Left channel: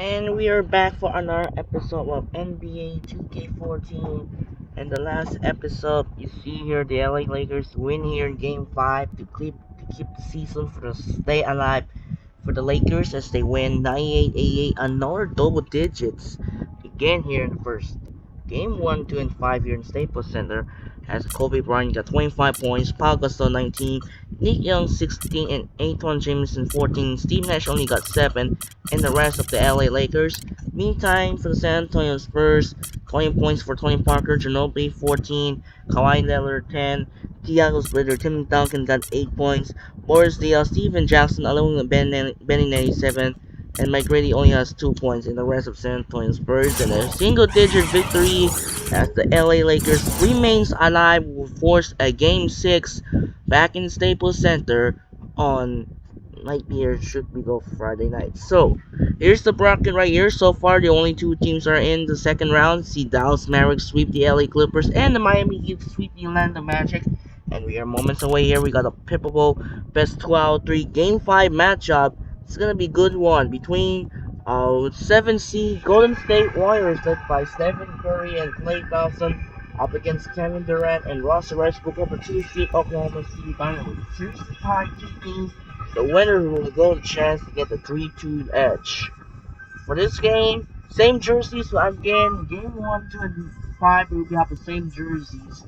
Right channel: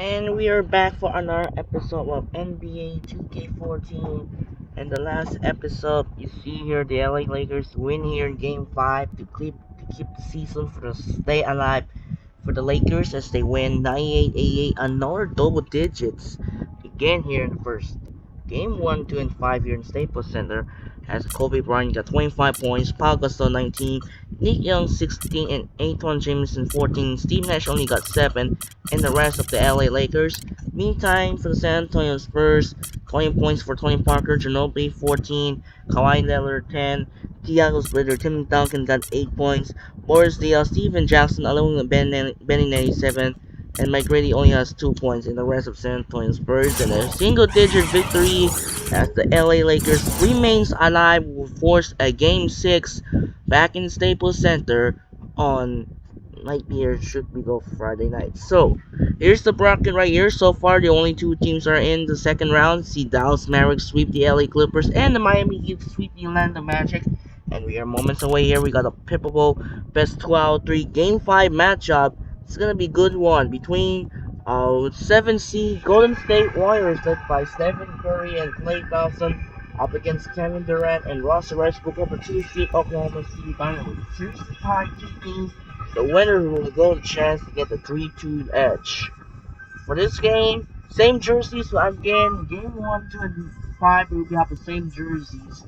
And we are back for another episode of NBA 2K14. And the last episode, you see here the LA Lakers win here in Game 5 to keep the season for the stay alive for the Lakers as they win 98-88, another double digits again here in the first. Game 1, 2, and 5 here in Staples Center has Kobe Bryant got 25 points, Paul Gasol 19, Nick Young 16, and Antoine Jameson 14. Steve Nash only got 7, and the rest of the LA Lakers. Meantime, for the San Antonio Spurs, 20 points for Tony Parker, Ginobili 14, Kawhi Leonard 10, Thiago Splitter, Tim Duncan got 8 points, Boris Diaw, Steven Jackson along with Benny 97, and Mike Grady only has 2 points in the rest of San Antonio Spurs, and a single-digit victory as the LA Lakers remains alive will force a Game 6 back in Staples Center on might be here should we go Friday night. So here's the bracket right here. So far the only two teams are in the second round. See Dallas Mavericks sweep the LA Clippers and the Miami Heat sweep the Orlando Magic. And we are moments away here. We got a pivotal best 2 out of 3 Game 5 matchup. It's gonna be a good one between 7 seed Golden State Warriors led by Stephen Curry and Klay Thompson up against Kevin Durant and Russell Westbrook over 2 seed Oklahoma City Thunder. Here's the tie 2 teams. The winner will go the chance to get the 3-2 edge. For this game, same jerseys. So again, game 1, 2, and 5 will have the same jerseys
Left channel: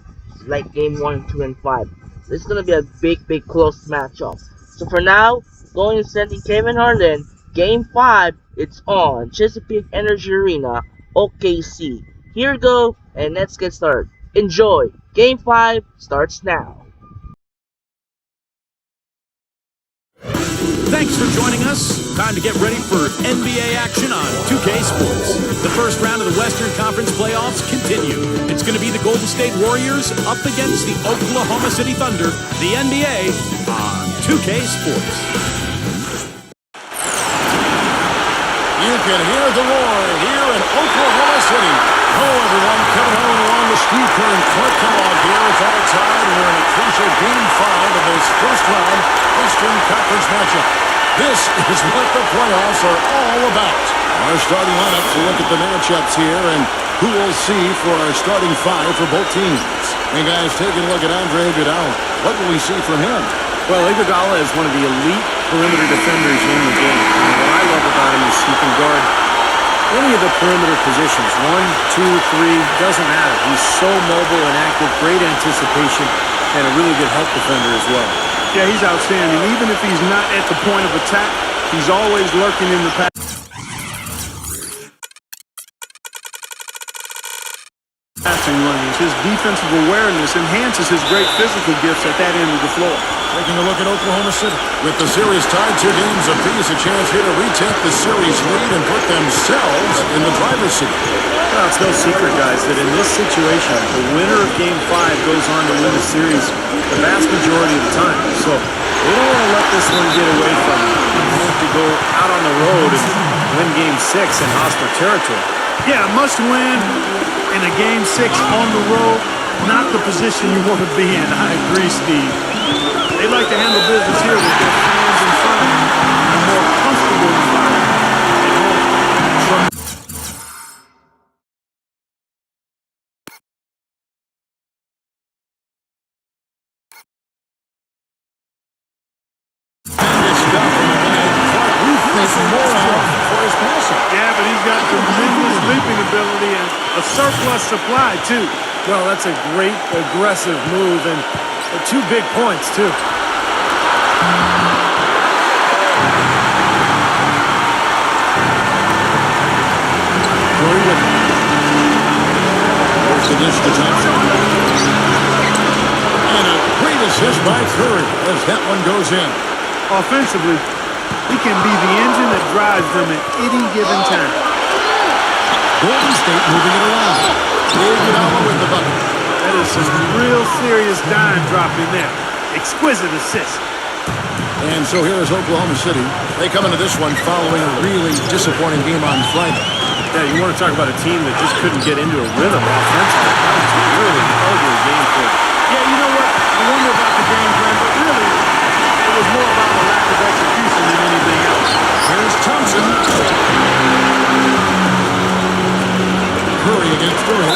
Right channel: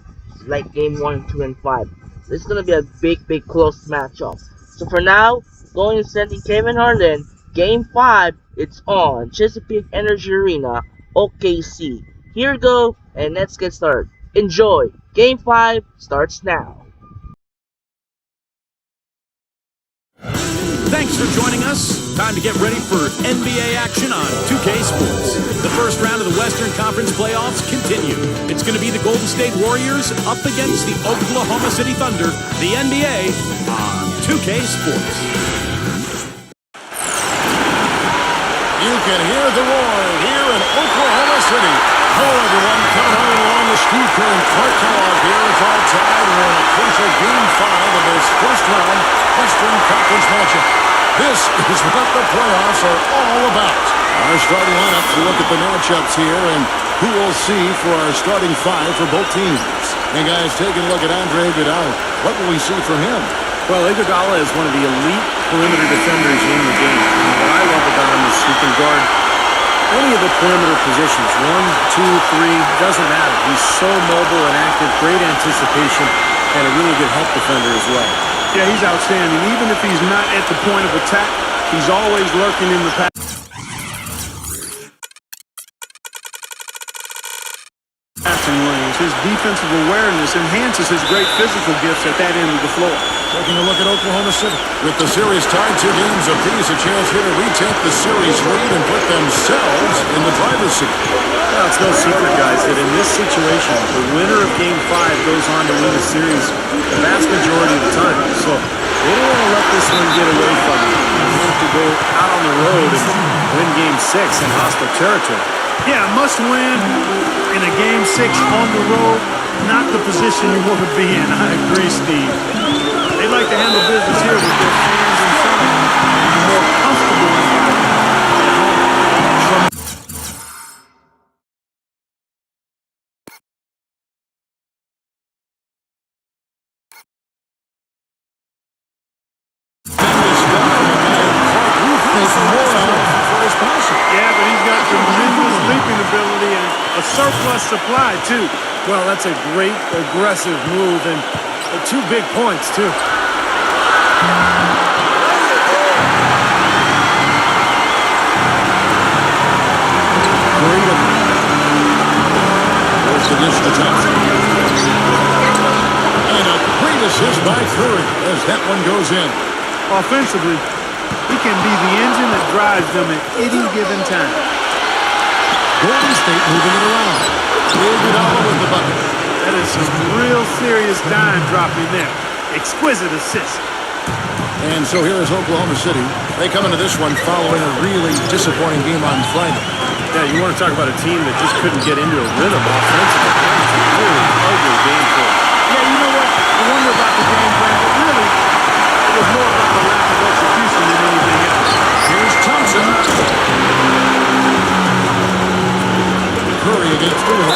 like game 1, 2, and 5. This is gonna be a big close matchup. So for now, going and sending Kevin Harlan, game 5, it's on Chesapeake Energy Arena, OKC. Here we go, and let's get started. Enjoy. Game 5 starts now. Thanks for joining us. Time to get ready for NBA action on 2K Sports. The first round of the Western Conference playoffs continue. It's going to be the Golden State Warriors up against the Oklahoma City Thunder, the NBA on 2K Sports. You can hear the roar here in Oklahoma City. Hello, everyone. Kevin Harlan along with Steve Kerr and Clark Kellogg here. It's all tied. We're in a crucial Game 5 of this first-round Western Conference matchup. This is what the playoffs are all about. Our starting lineup to look at the matchups here and who we'll see for our starting 5 for both teams. Hey, guys, taking a look at Andre Iguodala. What will we see from him? Well, Iguodala is one of the elite perimeter defenders in the game. And what I love about him is he can guard any of the perimeter positions. 1, 2, 3, doesn't matter. He's so mobile and active, great anticipation, and a really good help defender as well. Yeah, he's outstanding. Even if he's not at the point of attack, he's always lurking in the passing lanes. His defensive awareness enhances his great physical gifts at that end of the floor. Taking a look at Oklahoma City. With the series tied 2 games apiece, a chance here to retake the series lead and put themselves in the driver's seat. Well, it's no secret, guys, that in this situation, the winner of Game 5 goes on to win the series the vast majority of the time. So they don't want to let this one get away from them. They have to go out on the road and win Game 6 in hostile territory. Yeah, must win in a Game 6 on the road. Not the position you want to be in. I agree, Steve. They like to handle business here with their fans in front of them in a more comfortable environment at home. Tremendous stuff from a guy Clark we think more of for his passing. Yeah, but he's got tremendous leaping ability and a surplus supply, too. Well, that's a great aggressive move and 2 big points, too. Curry with it. There's the dish to Thompson. And a great assist by Curry as that one goes in. Offensively, he can be the engine that drives them at any given time. Golden State moving it around. Iguodala with the bucket. That is some real serious dime dropping there. Exquisite assist. And so here is Oklahoma City. They come into this one following a really disappointing game on Friday. Yeah, you want to talk about a team that just couldn't get into a rhythm offensively. That was a really ugly game for them. Yeah, you know what? I wonder about the game plan, but really, it it was more about a lack of execution than anything else. Here's Thompson. Curry against the rim.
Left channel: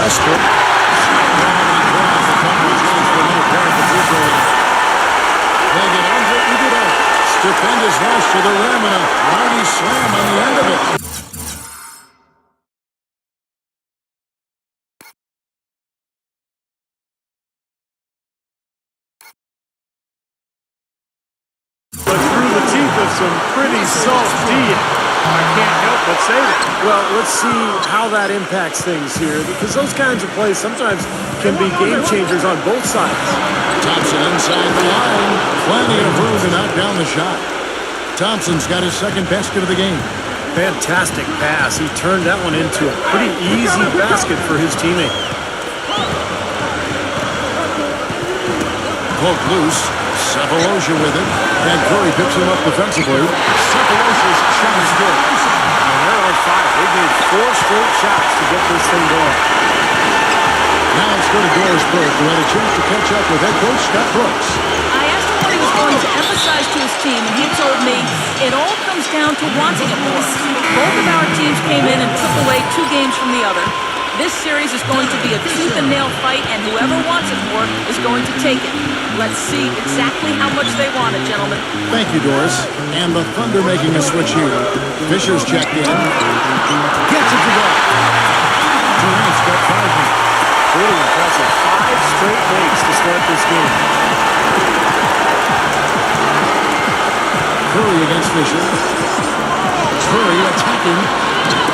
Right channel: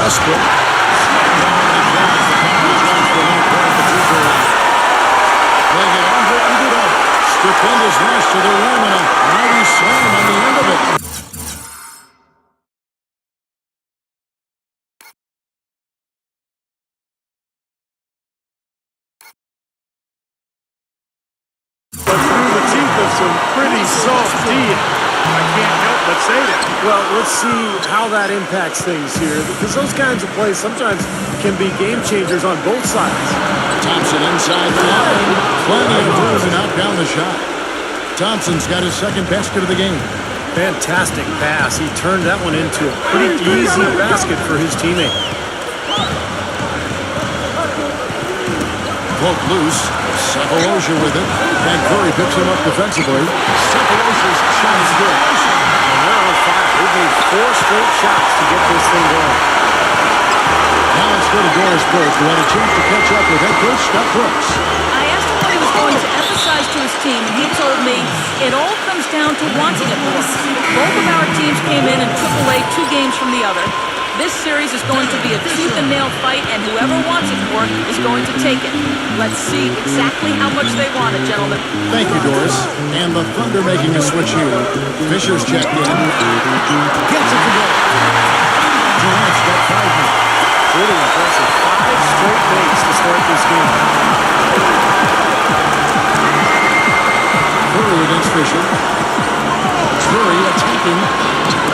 Westbrook. Slammed on and draws the foul. Chance for another point at the free throw line. They get Andre Iguodala. Stupendous rush to the rim and a mighty slam on the end of it. But through the teeth of some pretty soft D, I can't help but say that. Well, let's see how that impacts things here, because those kinds of plays sometimes can be game changers on both sides. Thompson inside the line. Plenty of room to knock down the shot. Thompson's got his second basket of the game. Fantastic pass. He turned that one into a pretty easy basket for his teammate. Poke loose. Cephalosha with it. And Curry picks him up defensively. Cephalosha's shot is good. And they're on fire. They've made 4 straight shots to get this thing going. Now let's go to Doris Burke, who had a chance to catch up with head coach Scott Brooks. I asked him what he was going to emphasize to his team, and he told me it all comes down to wanting it more. Both of our teams came in and took away 2 games from the other. This series is going to be a tooth-and-nail fight, and whoever wants it more is going to take it. Let's see exactly how much they want it, gentlemen. Thank you, Doris. And the Thunder making a switch here. Fisher's checked in. Gets it to go. Durant's got 5 now. Pretty impressive. 5 straight makes to start this game. Curry against Fisher. Curry attacking.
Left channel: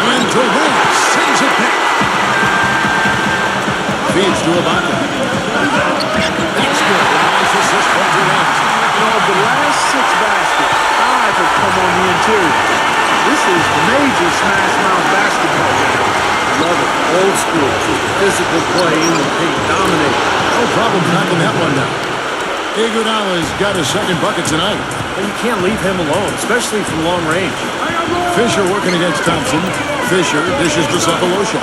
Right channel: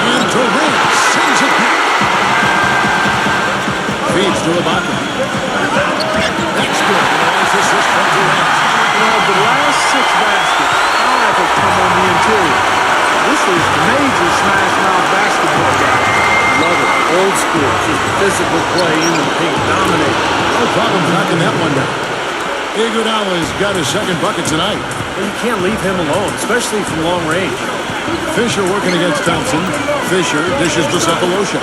And Durant sends it back. Feeds to Ibaka. That's good. A nice assist from Durant. You know, of the last 6 baskets, 5 have come on the interior. This is major smash mouth basketball, guys. Love it. Old school. Just physical play in the paint. Dominate. No problem knocking that one down. Iguodala's got his second bucket tonight. And you can't leave him alone, especially from long range. Fisher working against Thompson. Fisher dishes to Cephalosha.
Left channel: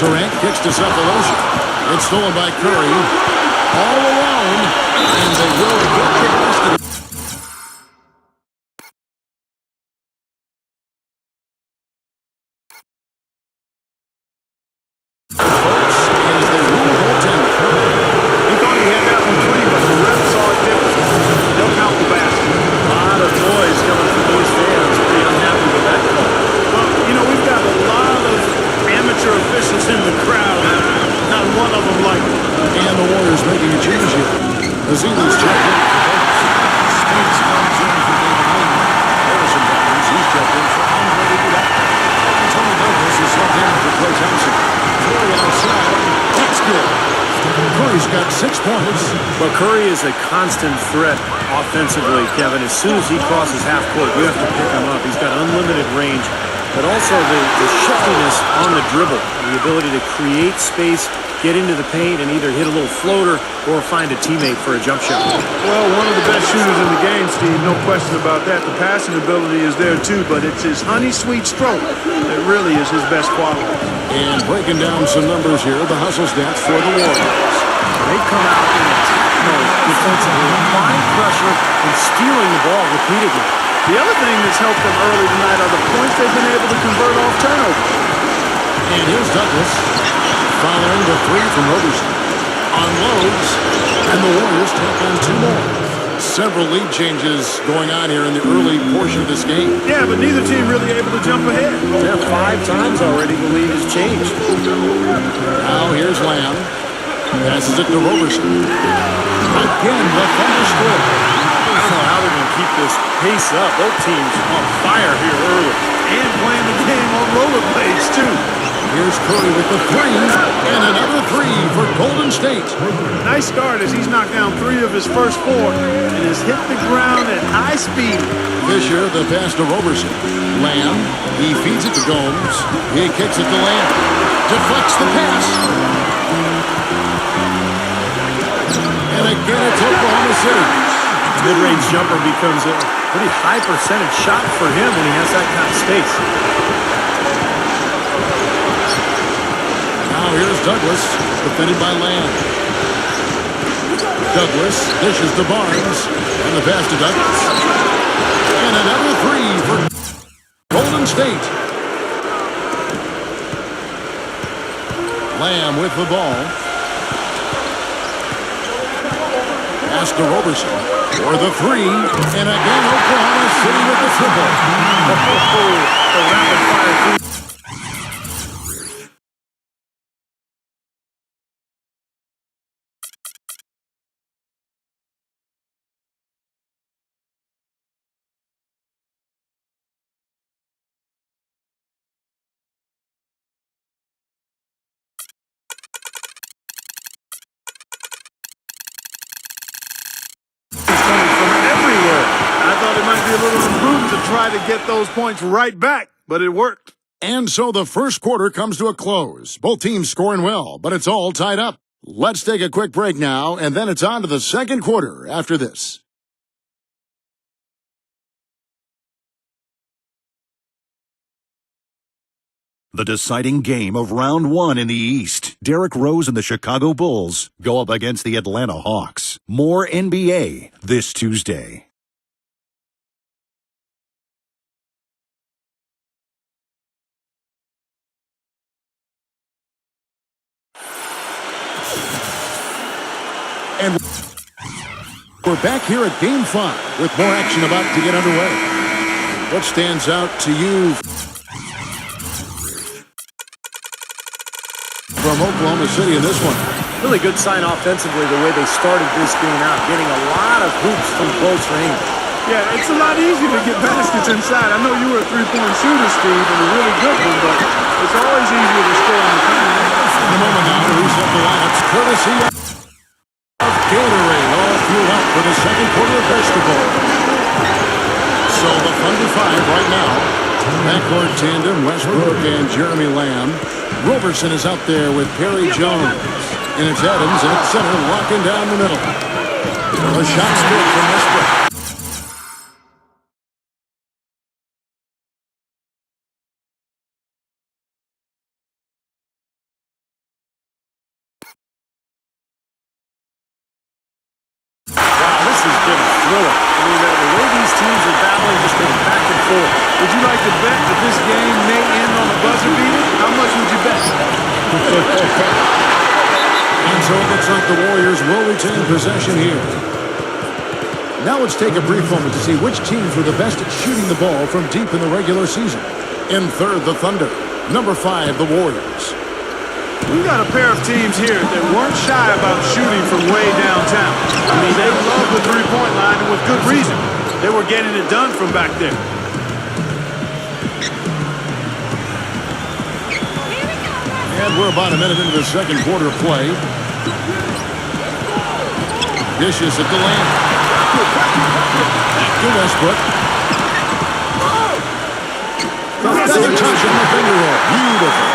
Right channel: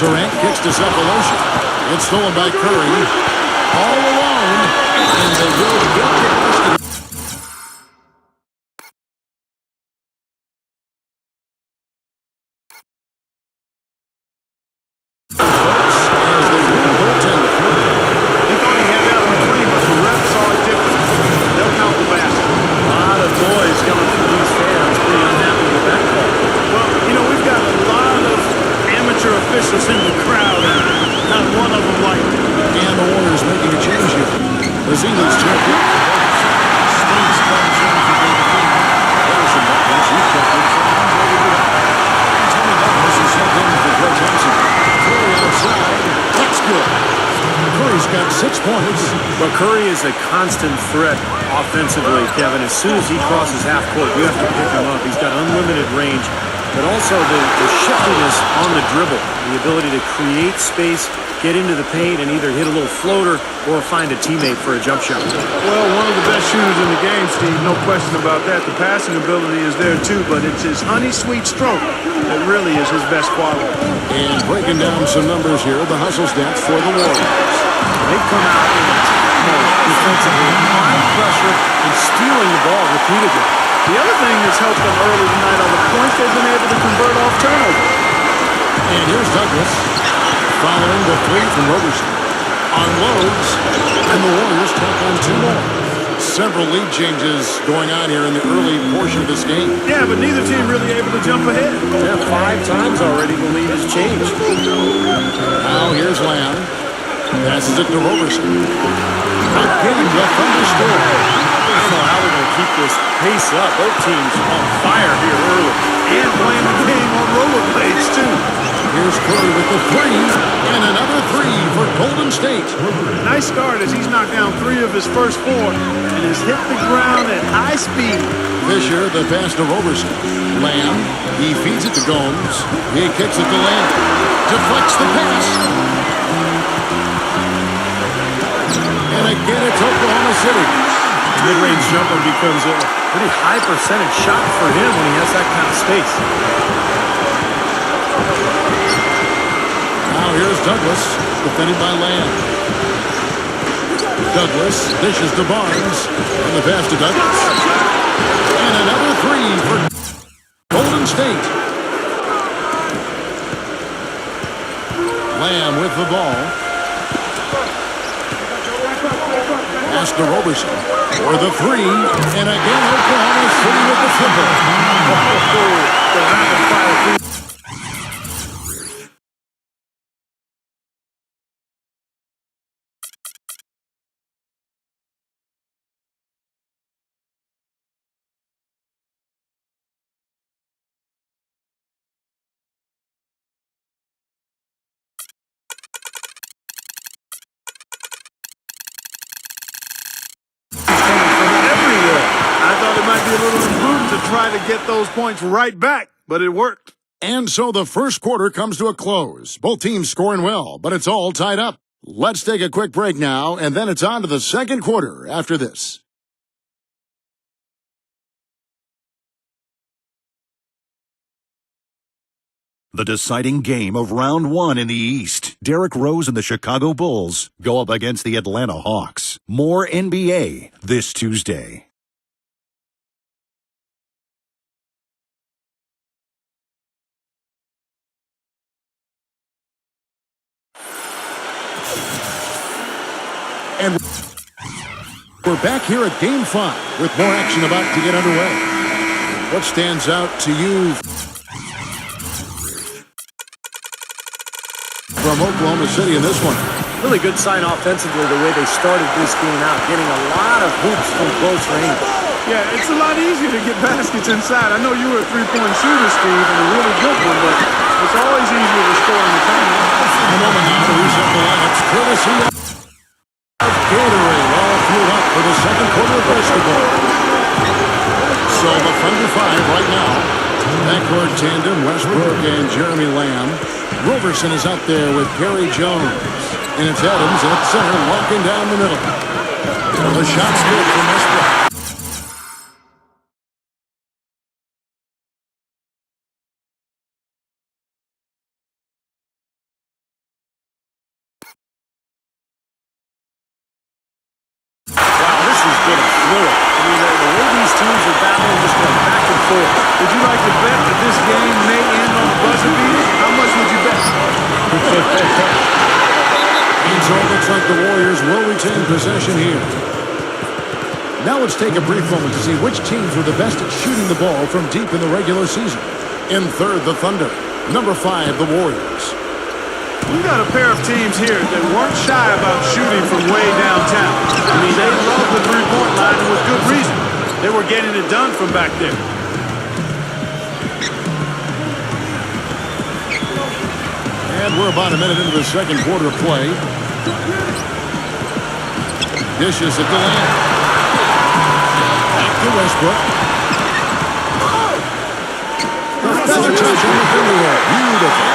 Durant kicks to Cephalosha. It's stolen by Curry. All alone. And they will get the basket. Folks, as they rule goaltender. He thought he had that one clean, but the ref saw it different. They'll count the basket. A lot of noise coming from these fans. Pretty unhappy with that call. Well, you know, we've got a lot of amateur officials in the crowd, and not one of them liked it. And the Warriors making a change here. Azila's checked in for Douglas. States comes in for David Lee. Harrison Barnes, he's checked in for Andre Iguodala. And Tony Douglas is subbed in for Klay Thompson. Curry outside. That's good. Curry's got 6 points. Well, Curry is a constant threat offensively, Kevin. As soon as he crosses half court, you have to pick him up. He's got unlimited range, but also the shiftiness on the dribble, the ability to create space, get into the paint, and either hit a little floater or find a teammate for a jump shot. Well, one of the best shooters in the game, Steve, no question about that. The passing ability is there too, but it's his honey-sweet stroke that really is his best quality. And breaking down some numbers here, the hustle stats for the Warriors. They come out in attack mode defensively, applying pressure and stealing the ball repeatedly. The other thing that's helped them early tonight are the points they've been able to convert off turnover. And here's Douglas following the 3 from Roberson. Unloads, and the Warriors tack on 2 more. Several lead changes going on here in the early portion of this game. Yeah, but neither team really able to jump ahead. Yeah, 5 times already the lead has changed. Now here's Lamb. Passes it to Roberson. Again, the Thunder score. I don't know how they're going to keep this pace up. Both teams on fire here early. And playing the game on rollerblades, too. Here's Curry with the 3, and another 3 for Golden State. Nice start as he's knocked down 3 of his first 4 and has hit the ground at high speed. Fisher, the pass to Roberson. Lamb, he feeds it to Gomes. He kicks it to Lamb. Deflects the pass. And again, it's Oklahoma City. The mid-range jumper becomes a pretty high percentage shot for him when he has that kind of space. Now here's Douglas, defended by Lamb. Douglas dishes to Barnes. And the pass to Douglas. And another three for Golden State. Lamb with the ball. Pass to Roberson for the three. And again, Oklahoma City with the triple. The rapid-fire three. I thought it might be a little imprudent to try to get those points right back, but it worked. And so the first quarter comes to a close. Both teams scoring well, but it's all tied up. Let's take a quick break now, and then it's on to the second quarter after this. The deciding game of round one in the East. Derrick Rose and the Chicago Bulls go up against the Atlanta Hawks. More NBA this Tuesday. And we're back here at Game 5 with more action about to get underway. What stands out to you from Oklahoma City in this one? Really good sign offensively the way they started this game out, getting a lot of hoops from close range. Yeah, it's a lot easier to get baskets inside. I know you were a three-point shooter, Steve, and a really good one, but it's always easier to score in the tournament. In a moment now to reset the lineups, courtesy of Gatorade, all fueled up for the second quarter of basketball. So the Thunder 5 right now. Backcourt tandem, Westbrook and Jeremy Lamb. Roberson is out there with Perry Jones. And it's Adams at center, locking down the middle. The shot's good from Westbrook. Wow, this has been a thriller. I mean, the way these teams are battling, just going back and forth. Would you like to bet that this game may end on a buzzer beater? How much would you bet? And so it looks like the Warriors will retain possession here. Now let's take a brief moment to see which teams were the best at shooting the ball from deep in the regular season. In third, the Thunder. Number 5, the Warriors. We've got a pair of teams here that weren't shy about shooting from way downtown. I mean, they love the three-point line, and with good reason. They were getting it done from back there. And we're about a minute into the second quarter of play. Dishes at the Lamb. Back to Westbrook. Another touch on the finger roll. Beautiful.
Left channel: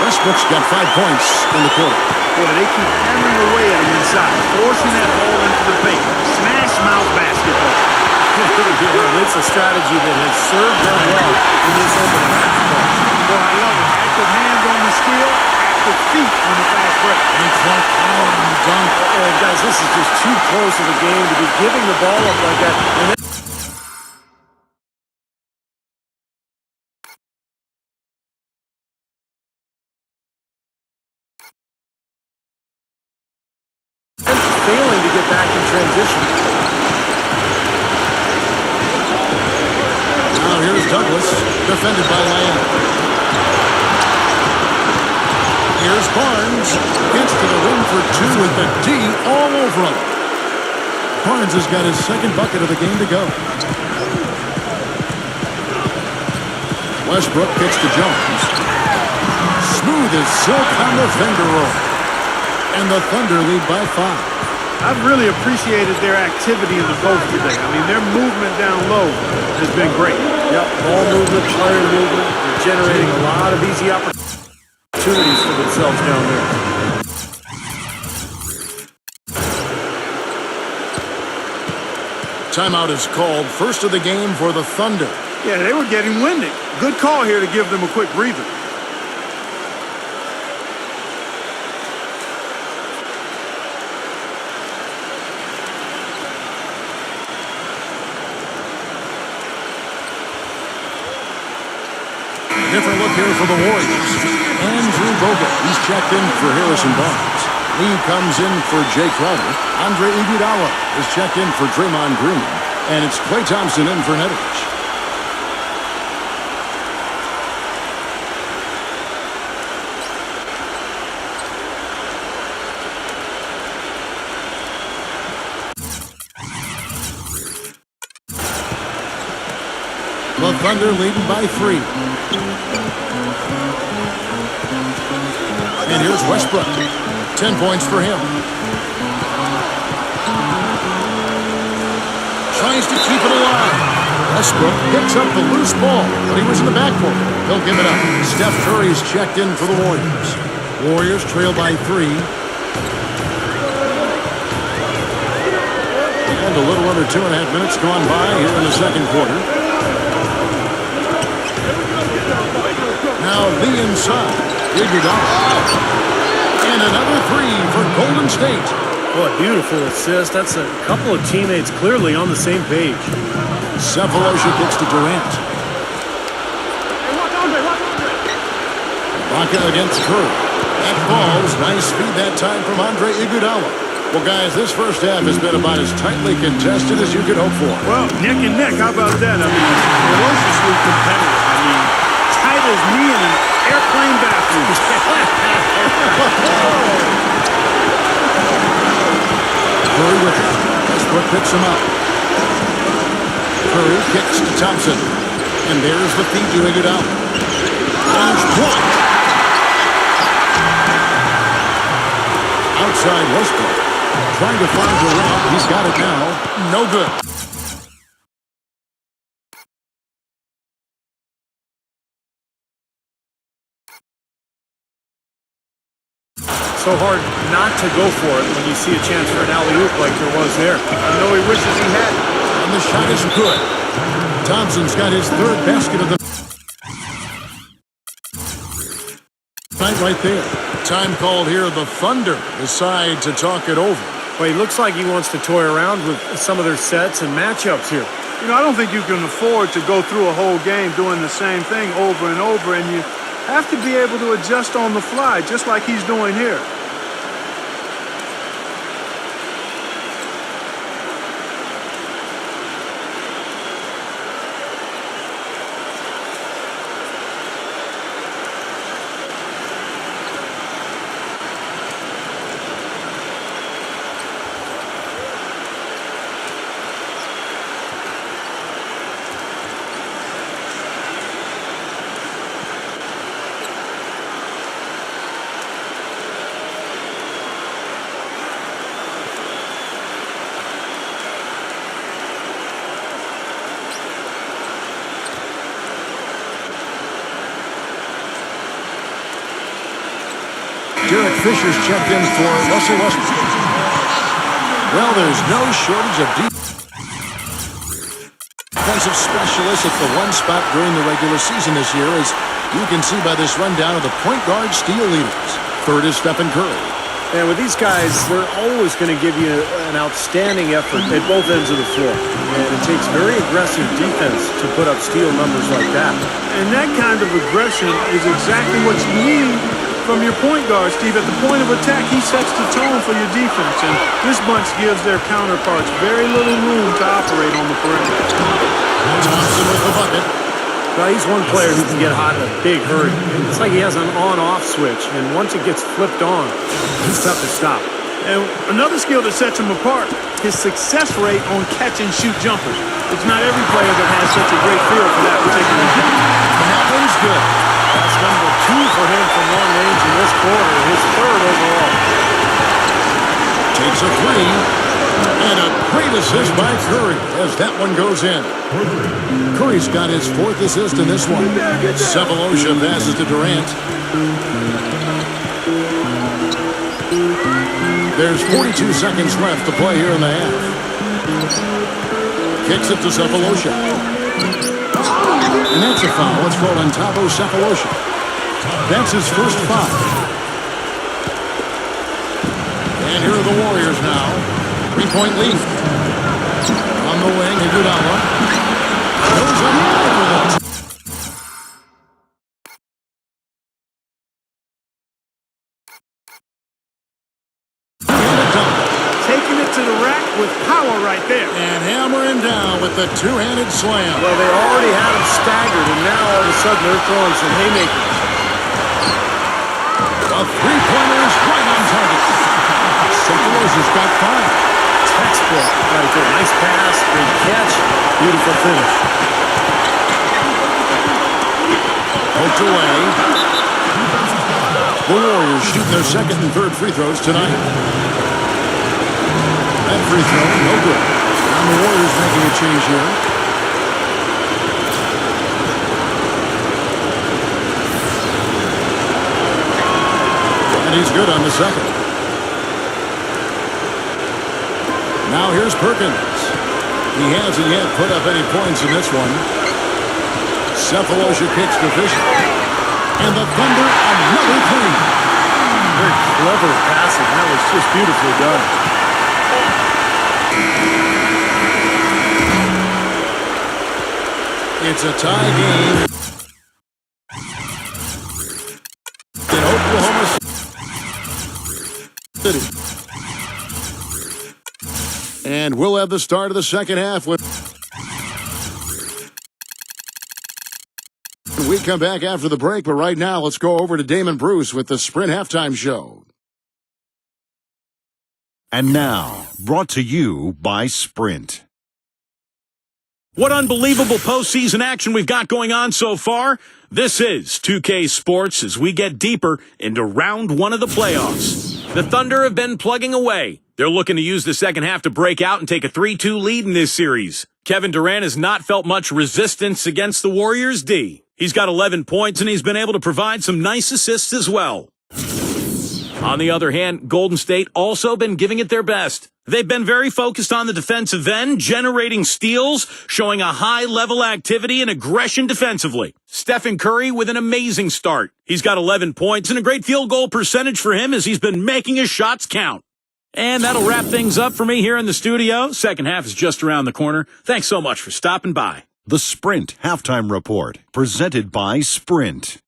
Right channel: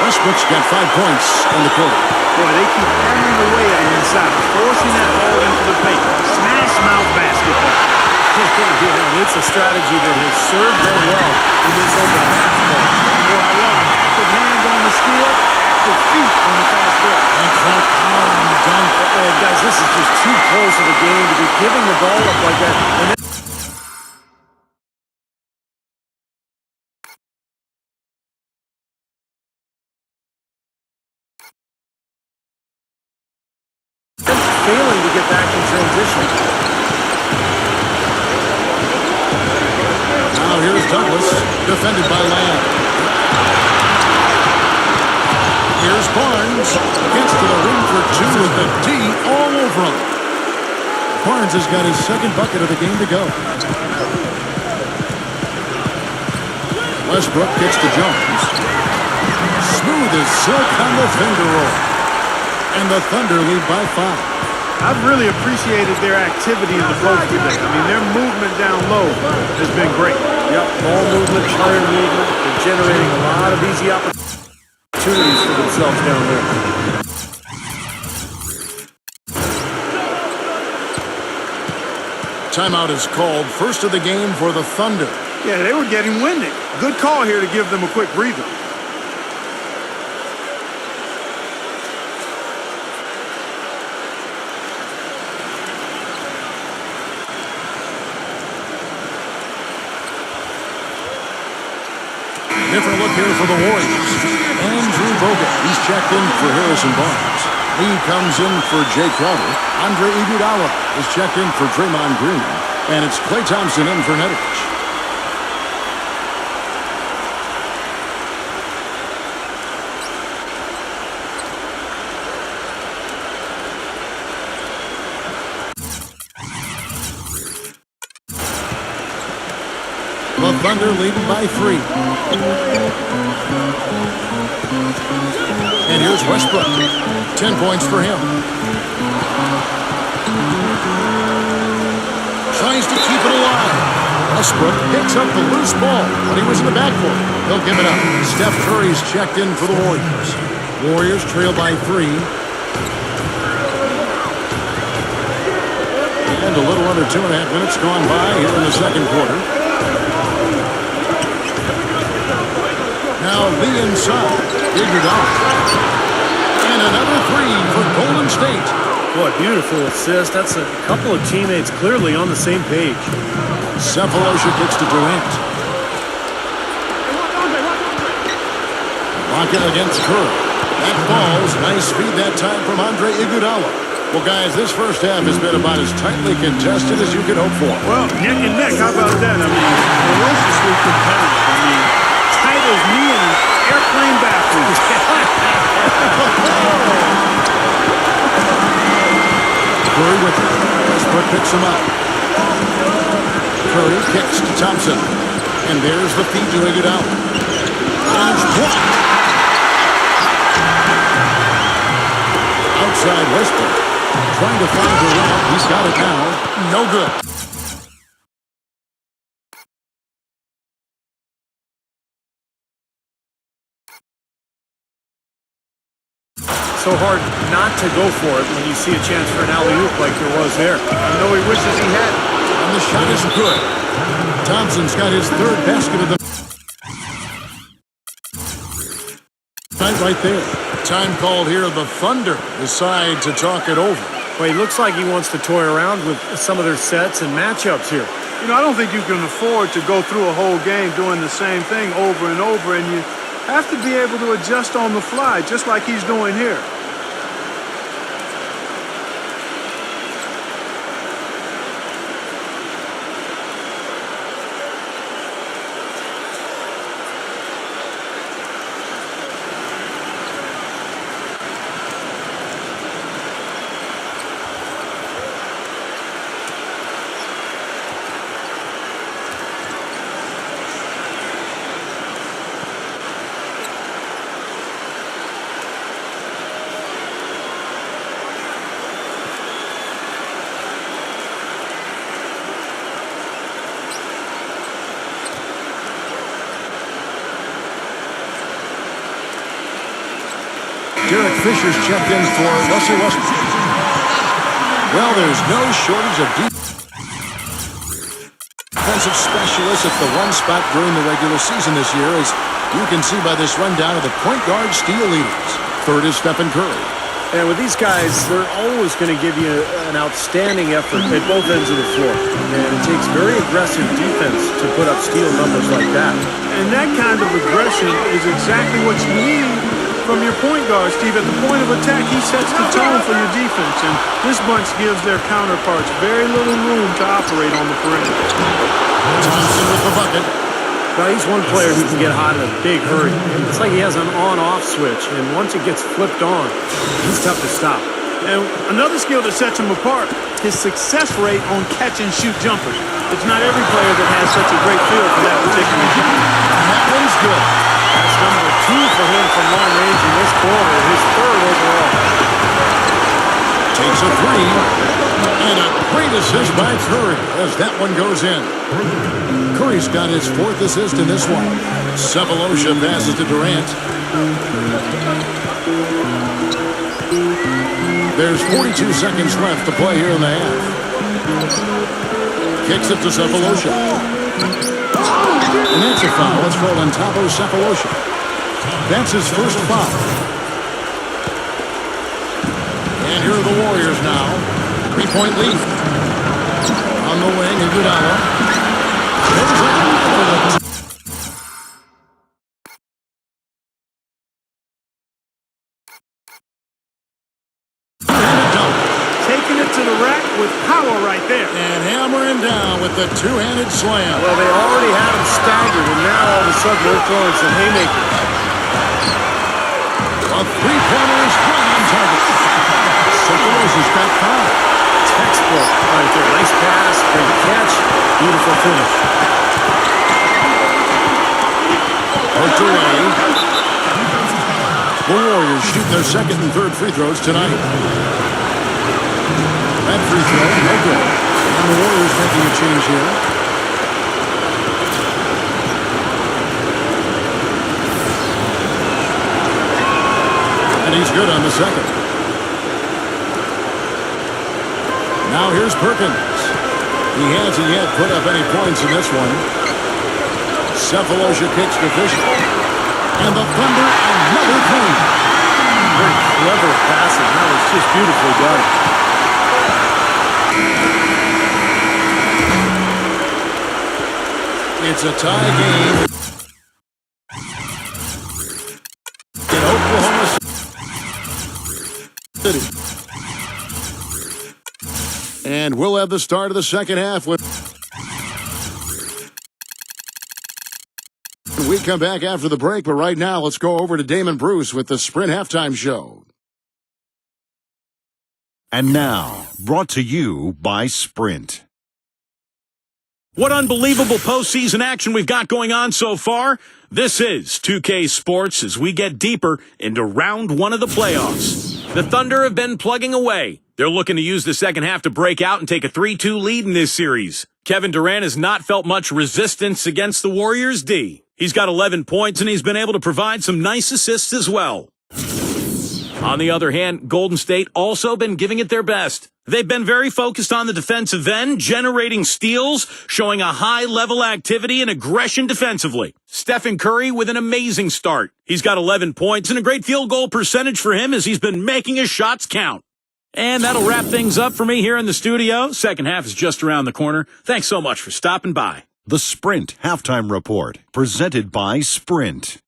Westbrook's got 5 points in the quarter. Boy, they keep hammering away at him inside, forcing that ball into the paint. Smash mouth basketball. Yeah, and it's a strategy that has served them well in this opening half play. Boy, I love it. Active hands on the steal, active feet on the fast break. And Clark power on the dunk. And guys, this is just too close of a game to be giving the ball up like that. And then failing to get back in transition. Now here's Douglas, defended by Lamb. Here's Barnes, gets to the ring for 2 with the D all over him. Barnes has got his second bucket of the game to go. Westbrook kicks to Jones. Smooth as silk on the finger roll. And the Thunder lead by 5. I've really appreciated their activity in the post today. I mean, their movement down low has been great. Yep, ball movement, player movement. They're generating a lot of easy opportunities for themselves down there. Timeout is called. First of the game for the Thunder. Yeah, they were getting winded. Good call here to give them a quick breather. Different look here for the Warriors. Andrew Bogut, he's checked in for Harrison Barnes. Lee comes in for Jay Crowder. Andre Iguodala is checked in for Draymond Green. And it's Klay Thompson in for Nedovic. The Thunder leading by 3. And here's Westbrook. 10 points for him. Tries to keep it alive. Westbrook picks up the loose ball, but he was in the backcourt. He'll give it up. Steph Curry's checked in for the Warriors. Warriors trail by 3. And a little under 2.5 minutes gone by here in the second quarter. Now Lee inside. Iguodala. And another 3 for Golden State. Boy, beautiful assist. That's a couple of teammates clearly on the same page. Cephalosha kicks to Durant. Ibaka against Curry. That falls. Nice speed that time from Andre Iguodala. Well, guys, this first half has been about as tightly contested as you could hope for. Well, neck and neck. How about that? I mean, ferociously competitive. I mean, tight as me in an airplane bathroom. Curry with it. Westbrook picks him up. Curry kicks to Thompson. And there's the feed to Iguodala. And it's blocked. Outside Westbrook. Trying to find Durant. He's got it now. No good. So hard not to go for it when you see a chance for an alley-oop like there was there. I know he wishes he had. And the shot is good. Thompson's got his third basket of the night right there. Time called here. The Thunder decide to talk it over. Well, he looks like he wants to toy around with some of their sets and matchups here. You know, I don't think you can afford to go through a whole game doing the same thing over and over, and you have to be able to adjust on the fly, just like he's doing here. Derek Fisher's checked in for Russell Westbrook. Well, there's no shortage of defensive specialists at the one spot during the regular season this year, as you can see by this rundown of the point guard steal leaders. Third is Stephen Curry. And with these guys, they're always going to give you an outstanding effort at both ends of the floor. And it takes very aggressive defense to put up steal numbers like that. And that kind of aggression is exactly what you need from your point guard, Steve. At the point of attack, he sets the tone for your defense, and this bunch gives their counterparts very little room to operate on the perimeter. Thompson with the bucket. Well, he's one player who can get hot in a big hurry. It's like he has an on-off switch, and once it gets flipped on, he's tough to stop. And another skill that sets him apart, his success rate on catch-and-shoot jumpers. It's not every player that has such a great feel for that particular shot. And that one's good. That's number 2 for him from long range in this quarter, his third overall. Takes a 3. And a great assist by Curry as that one goes in. Curry's got his 4th assist in this one. Cephalosha passes to Durant. There's 42 seconds left to play here in the half. Kicks it to Cephalosha. And that's a foul. It's called on Thabo Cephalosha. That's his first foul. And here are the Warriors now. 3-point lead. On the wing, Iguodala. Goes up high for the to dunk. Taking it to the rack with power right there. And hammering down with the two-handed slam. Well, they already had him staggered, and now all of a sudden they're throwing some haymakers. A three-pointer is right on target. Cephalosha's got 5. Textbook right there. Nice pass, great catch, beautiful finish. Poked away. The Warriors shooting their second and third free throws tonight. That free throw, no good. And the Warriors making a change here. And he's good on the second. Now here's Perkins. He hasn't yet put up any points in this one. Cephalosha kicks deficient. And the Thunder, another three. Very clever passing. That was just beautifully done. It's a tie game in Oklahoma City. And we'll have the start of the second half when we come back after the break. But right now, let's go over to Damon Bruce with the Sprint Halftime Show. And now, brought to you by Sprint. What unbelievable postseason action we've got going on so far. This is 2K Sports as we get deeper into round 1 of the playoffs. The Thunder have been plugging away. They're looking to use the second half to break out and take a 3-2 lead in this series. Kevin Durant has not felt much resistance against the Warriors' D. He's got 11 points, and he's been able to provide some nice assists as well. On the other hand, Golden State also been giving it their best. They've been very focused on the defensive end, generating steals, showing a high-level activity and aggression defensively. Stephen Curry with an amazing start. He's got 11 points and a great field goal percentage for him as he's been making his shots count. And that'll wrap things up for me here in the studio. Second half is just around the corner. Thanks so much for stopping by. The Sprint Halftime Report, presented by Sprint.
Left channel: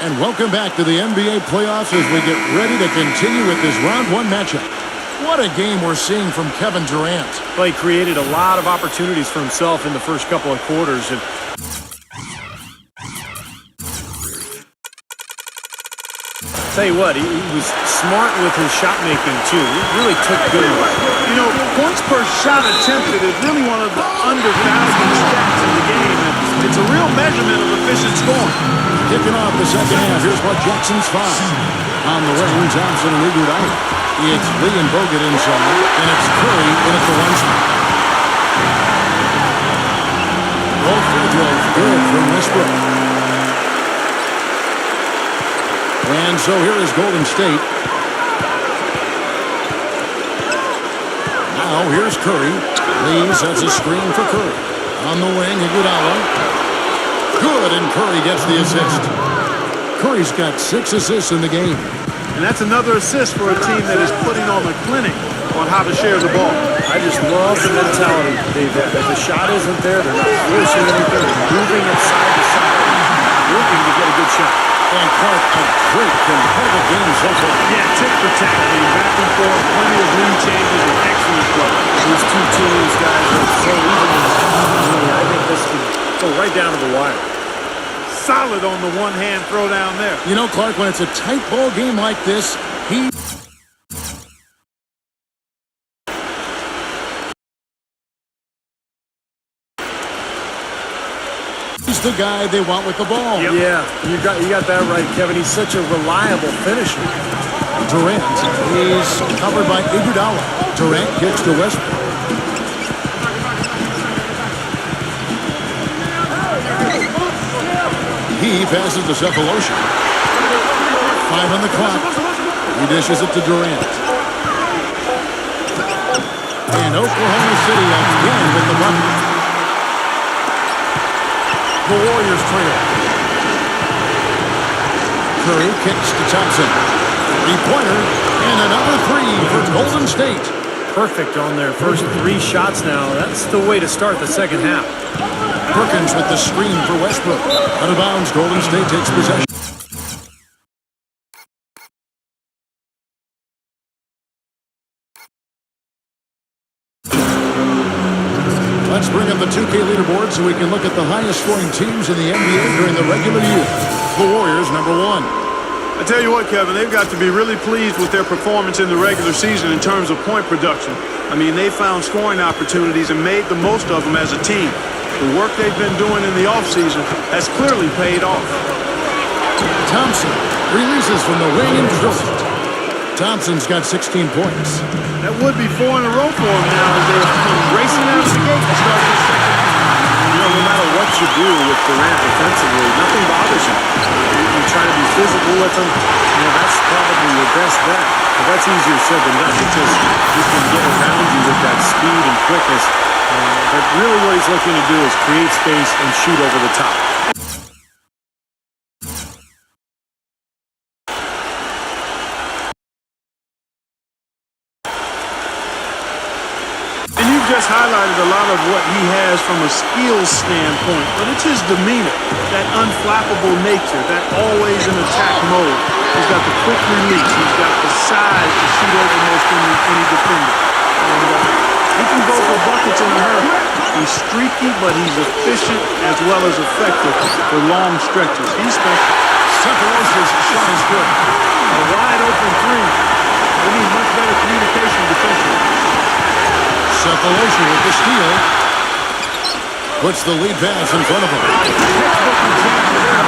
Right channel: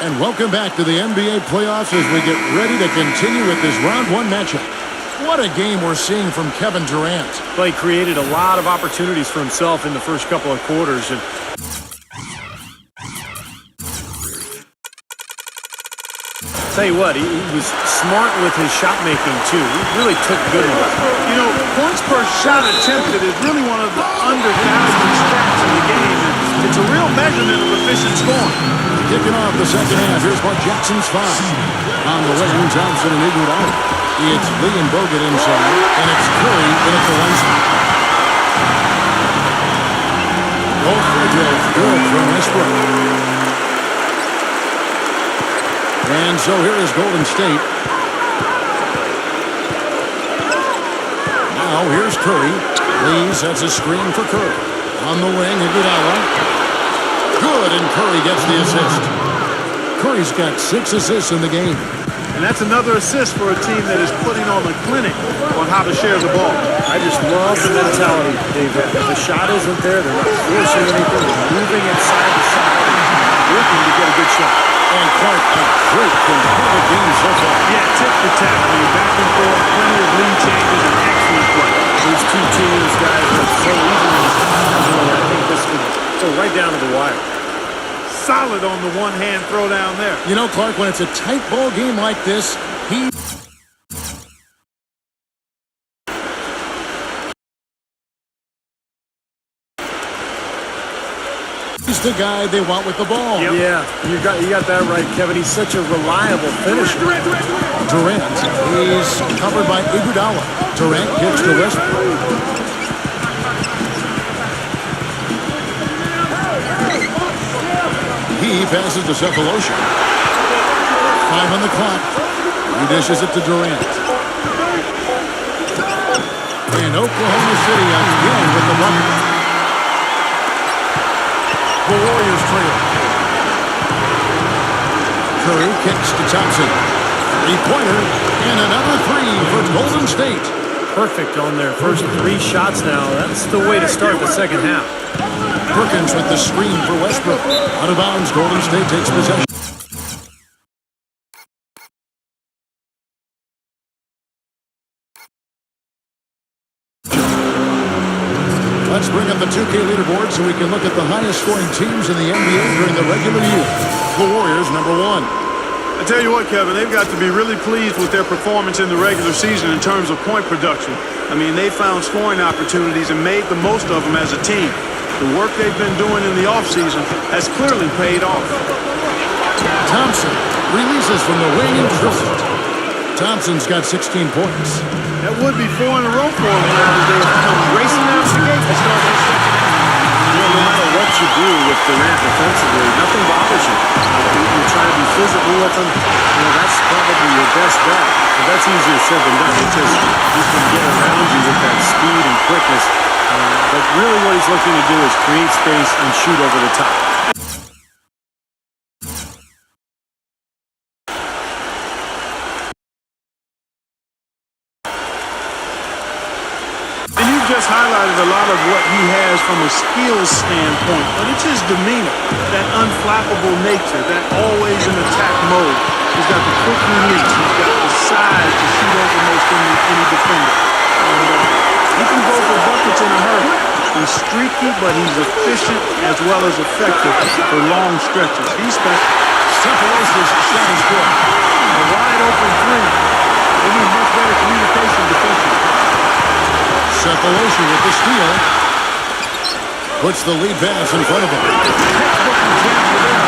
And welcome back to the NBA playoffs as we get ready to continue with this round 1 matchup. What a game we're seeing from Kevin Durant. Well, he created a lot of opportunities for himself in the first couple of quarters. And tell you what, he was smart with his shot making too. He really took good ones. You know, points per shot attempted is really one of the undervalued stats in the game, and it's a real measurement of efficient scoring. Kicking off the second half, here's Mark Jackson's 5. On the wing, Thompson and Iguodala. It's Lee and Bogut inside, and it's Curry in at the 1 spot. Both free throws good from Westbrook. And so here is Golden State. Now here's Curry. Lee sets a screen for Curry. On the wing, Iguodala. Good, and Curry gets the assist. Curry's got 6 assists in the game. And that's another assist for a team that is putting on a clinic on how to share the ball. I just love the mentality they've had. If the shot isn't there, they're not forcing anything. They're moving it side to side and working to get a good shot. And Clark, a great competitive game so far. Yeah, tick for tack. I mean, back and forth, plenty of lead changes, and excellent play. These two teams, guys, are so evenly. I think this could go right down to the wire. Solid on the one-hand throw down there. You know, Clark, when it's a tight ball game like this, he's the guy they want with the ball. Yep. Yeah, you got that right, Kevin. He's such a reliable finisher. Durant, he's covered by Iguodala. Durant kicks to Westbrook. He passes to Cephalosha. 5 on the clock. He dishes it to Durant. And Oklahoma City again with the bucket. The Warriors trail. Curry kicks to Thompson. 3-pointer and another 3 for Golden State. Perfect on their first 3 shots now. That's the way to start the second half. Perkins with the screen for Westbrook. Out of bounds, Golden State takes possession. Let's bring up the 2K leaderboard so we can look at the highest scoring teams in the NBA during the regular year. The Warriors, number 1. I tell you what, Kevin, they've got to be really pleased with their performance in the regular season in terms of point production. I mean, they found scoring opportunities and made the most of them as a team. The work they've been doing in the offseason has clearly paid off. Thompson releases from the wing and drills it. Thompson's got 16 points. That would be 4 in a row for him now as they have come racing out of the gate to start this second half. You know, no matter what you do with Durant defensively, nothing bothers you. You try to be physical with him. You know, that's probably your best bet. But that's easier said than done because he can get around you with that speed and quickness. But really what he's looking to do is create space and shoot over the top. And you've just highlighted a lot of what he has from a skills standpoint, but it's his demeanor, that unflappable nature, that always in attack mode. He's got the quick release. He's got the size to shoot over most any defender. And he can go for buckets in a hurry. He's streaky, but he's efficient as well as effective for long stretches. He's special. Cephalos's shot is good. A wide open three. They need much better communication defensively. Cephalosha with the steal. Puts the lead pass in front of him. Textbook example there.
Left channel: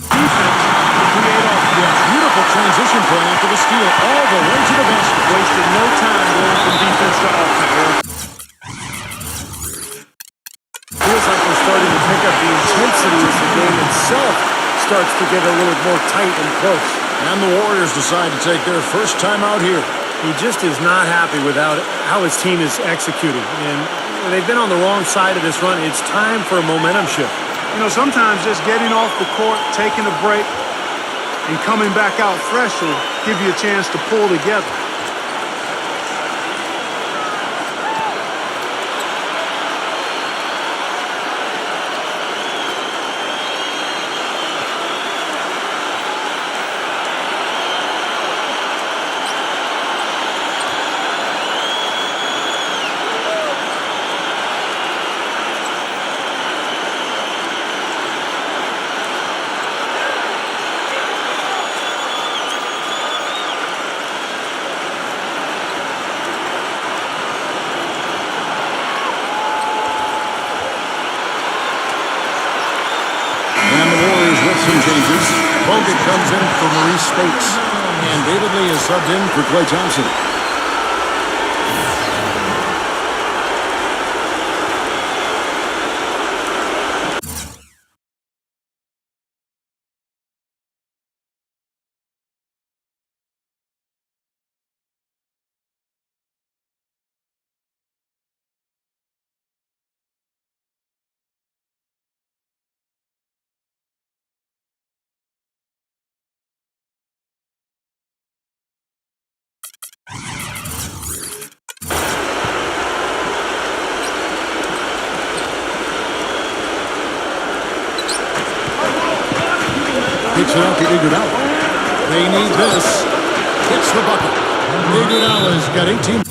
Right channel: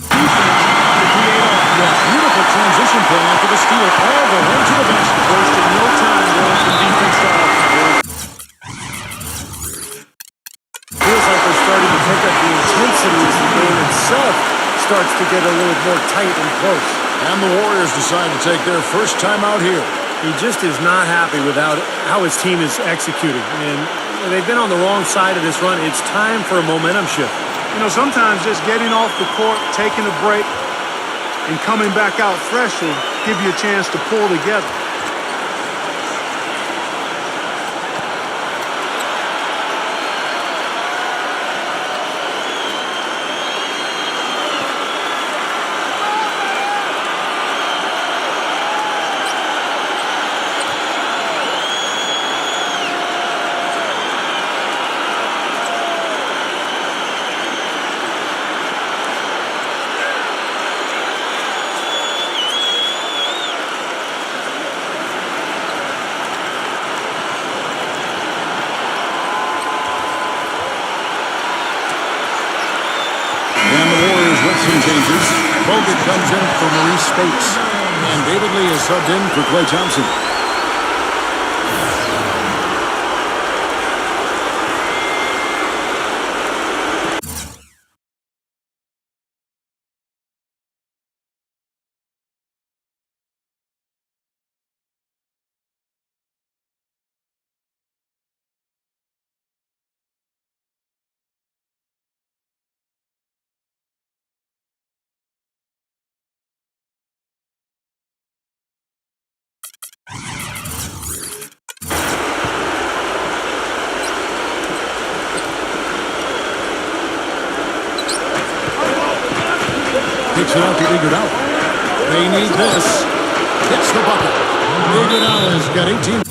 Defense to create offense. Yes, beautiful transition play after the steal all the way to the basket. Wasted no time going from defense to offense. Feels like they're starting to pick up the intensity as the game itself starts to get a little more tight and close. And the Warriors decide to take their first time out here. He just is not happy with how his team is executing. And they've been on the wrong side of this run. It's time for a momentum shift. You know, sometimes just getting off the court, taking a break, and coming back out fresh will give you a chance to pull together. With some changes, Bogut comes in for Maurice Spates, and David Lee is subbed in for Klay Thompson. Kicks it out to Iguodala. They need this. Hits the bucket. Iguodala's got 18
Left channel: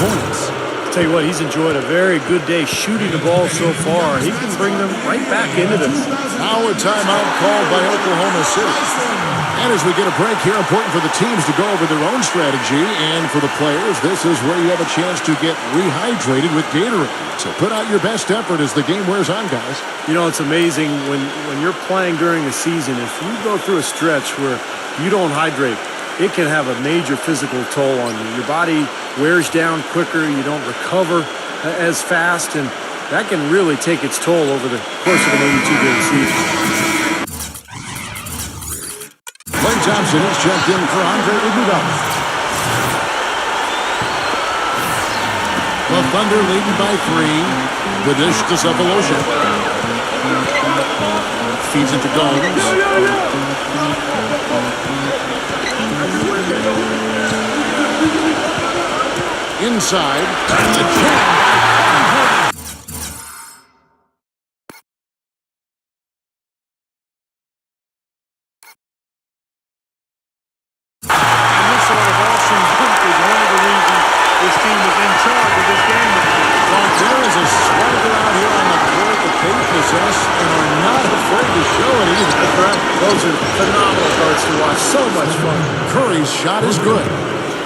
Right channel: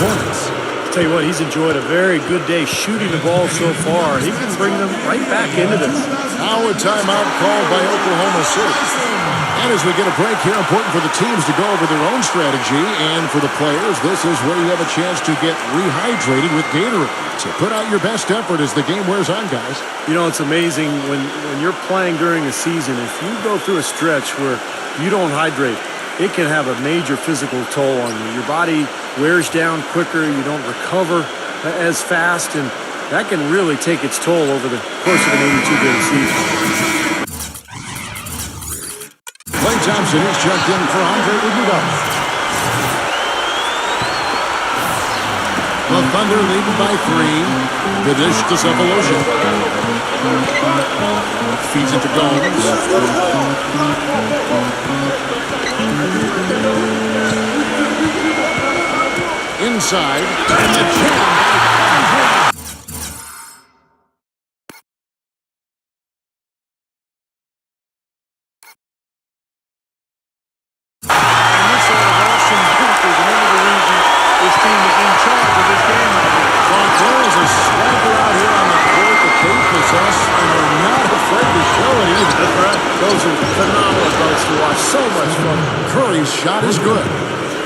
points. Tell you what, he's enjoyed a very good day shooting the ball so far. He can bring them right back into this. Now a timeout called by Oklahoma City. And as we get a break here, important for the teams to go over their own strategy. And for the players, this is where you have a chance to get rehydrated with Gatorade. So put out your best effort as the game wears on, guys. You know, it's amazing when you're playing during a season, if you go through a stretch where you don't hydrate, it can have a major physical toll on you. Your body wears down quicker, you don't recover as fast, and that can really take its toll over the course of an 82-game season. Klay Thompson is checked in for Andre Iguodala. The Thunder leading by 3. The dish to Cephalosha. Feeds into Gomes. Inside, and the jam by one of the reasons this team is in charge of this game right now. Clark, there is a swagger out here on the court that they possess and are not afraid to show it either. That's right. Those are phenomenal guards to watch. So much fun. Curry's shot is good.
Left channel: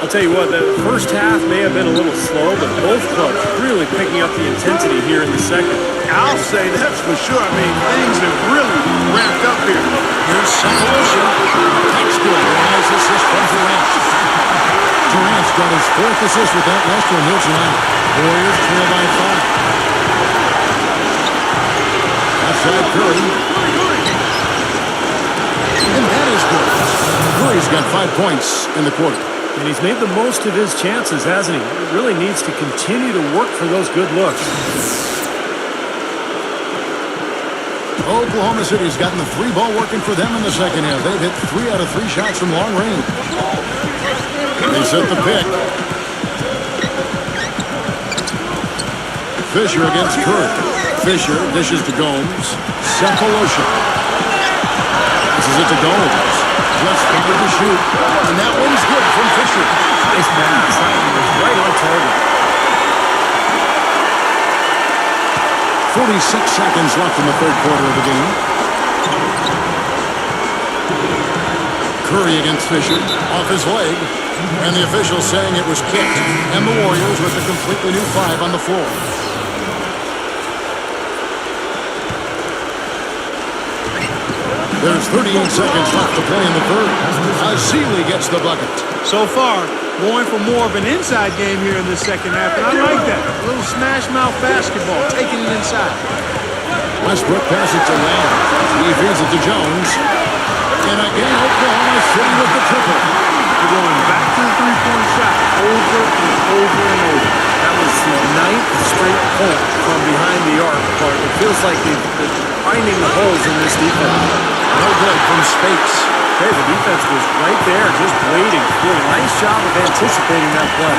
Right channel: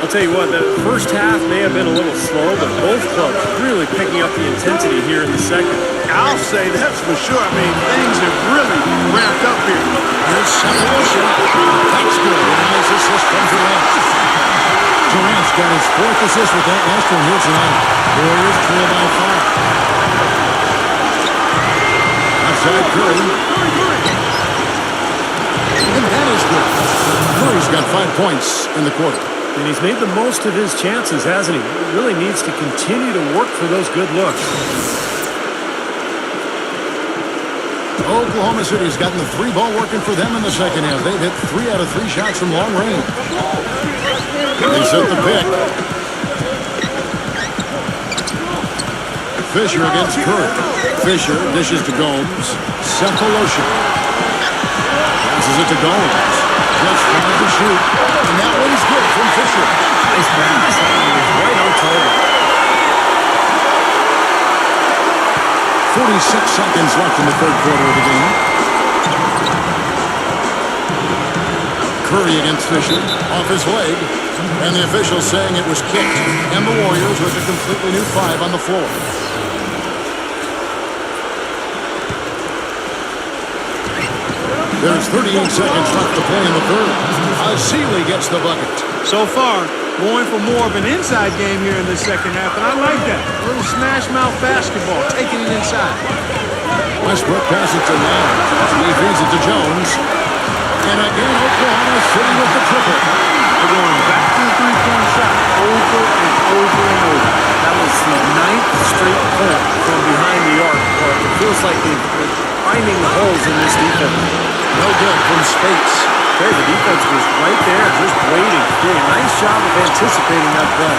I'll tell you what, the first half may have been a little slow, but both clubs really picking up the intensity here in the second. I'll say that's for sure. I mean, things have really ramped up here. Here's Cephalosha. That's good. And a nice assist from Durant. Durant's got his 4th assist with that last one here tonight. Warriors trail by 5. Outside Curry. And that is good. Curry's got 5 points in the quarter. And he's made the most of his chances, hasn't he? He really needs to continue to work for those good looks. Oklahoma City's gotten the 3-ball working for them in the second half. They've hit 3 out of 3 shots from long range. They set the pick. Fisher against Curry. Fisher dishes to Gomes. Cephalosha. Passes it to Gomes. Just trying to shoot. And that one's good from Fisher. Nice pass. That one was right on target. 46 seconds left in the third quarter of the game. Curry against Fisher. Off his leg. And the official saying it was kicked. And the Warriors with a completely new 5 on the floor. There's 38 seconds left to play in the third. Azili gets the bucket. So far, going for more of an inside game here in the second half, and I like that. A little smash mouth basketball, taking it inside. Westbrook passes it to Lamb. He feeds it to Jones. And again, Oklahoma City with the triple. They're going back to the three-point shot over and over and over. That was the 9th straight point from behind the arc, but it feels like they've been finding the holes in this defense. No good from Spates. Okay, the defense was right there, just waiting. Doing a nice job of anticipating that play.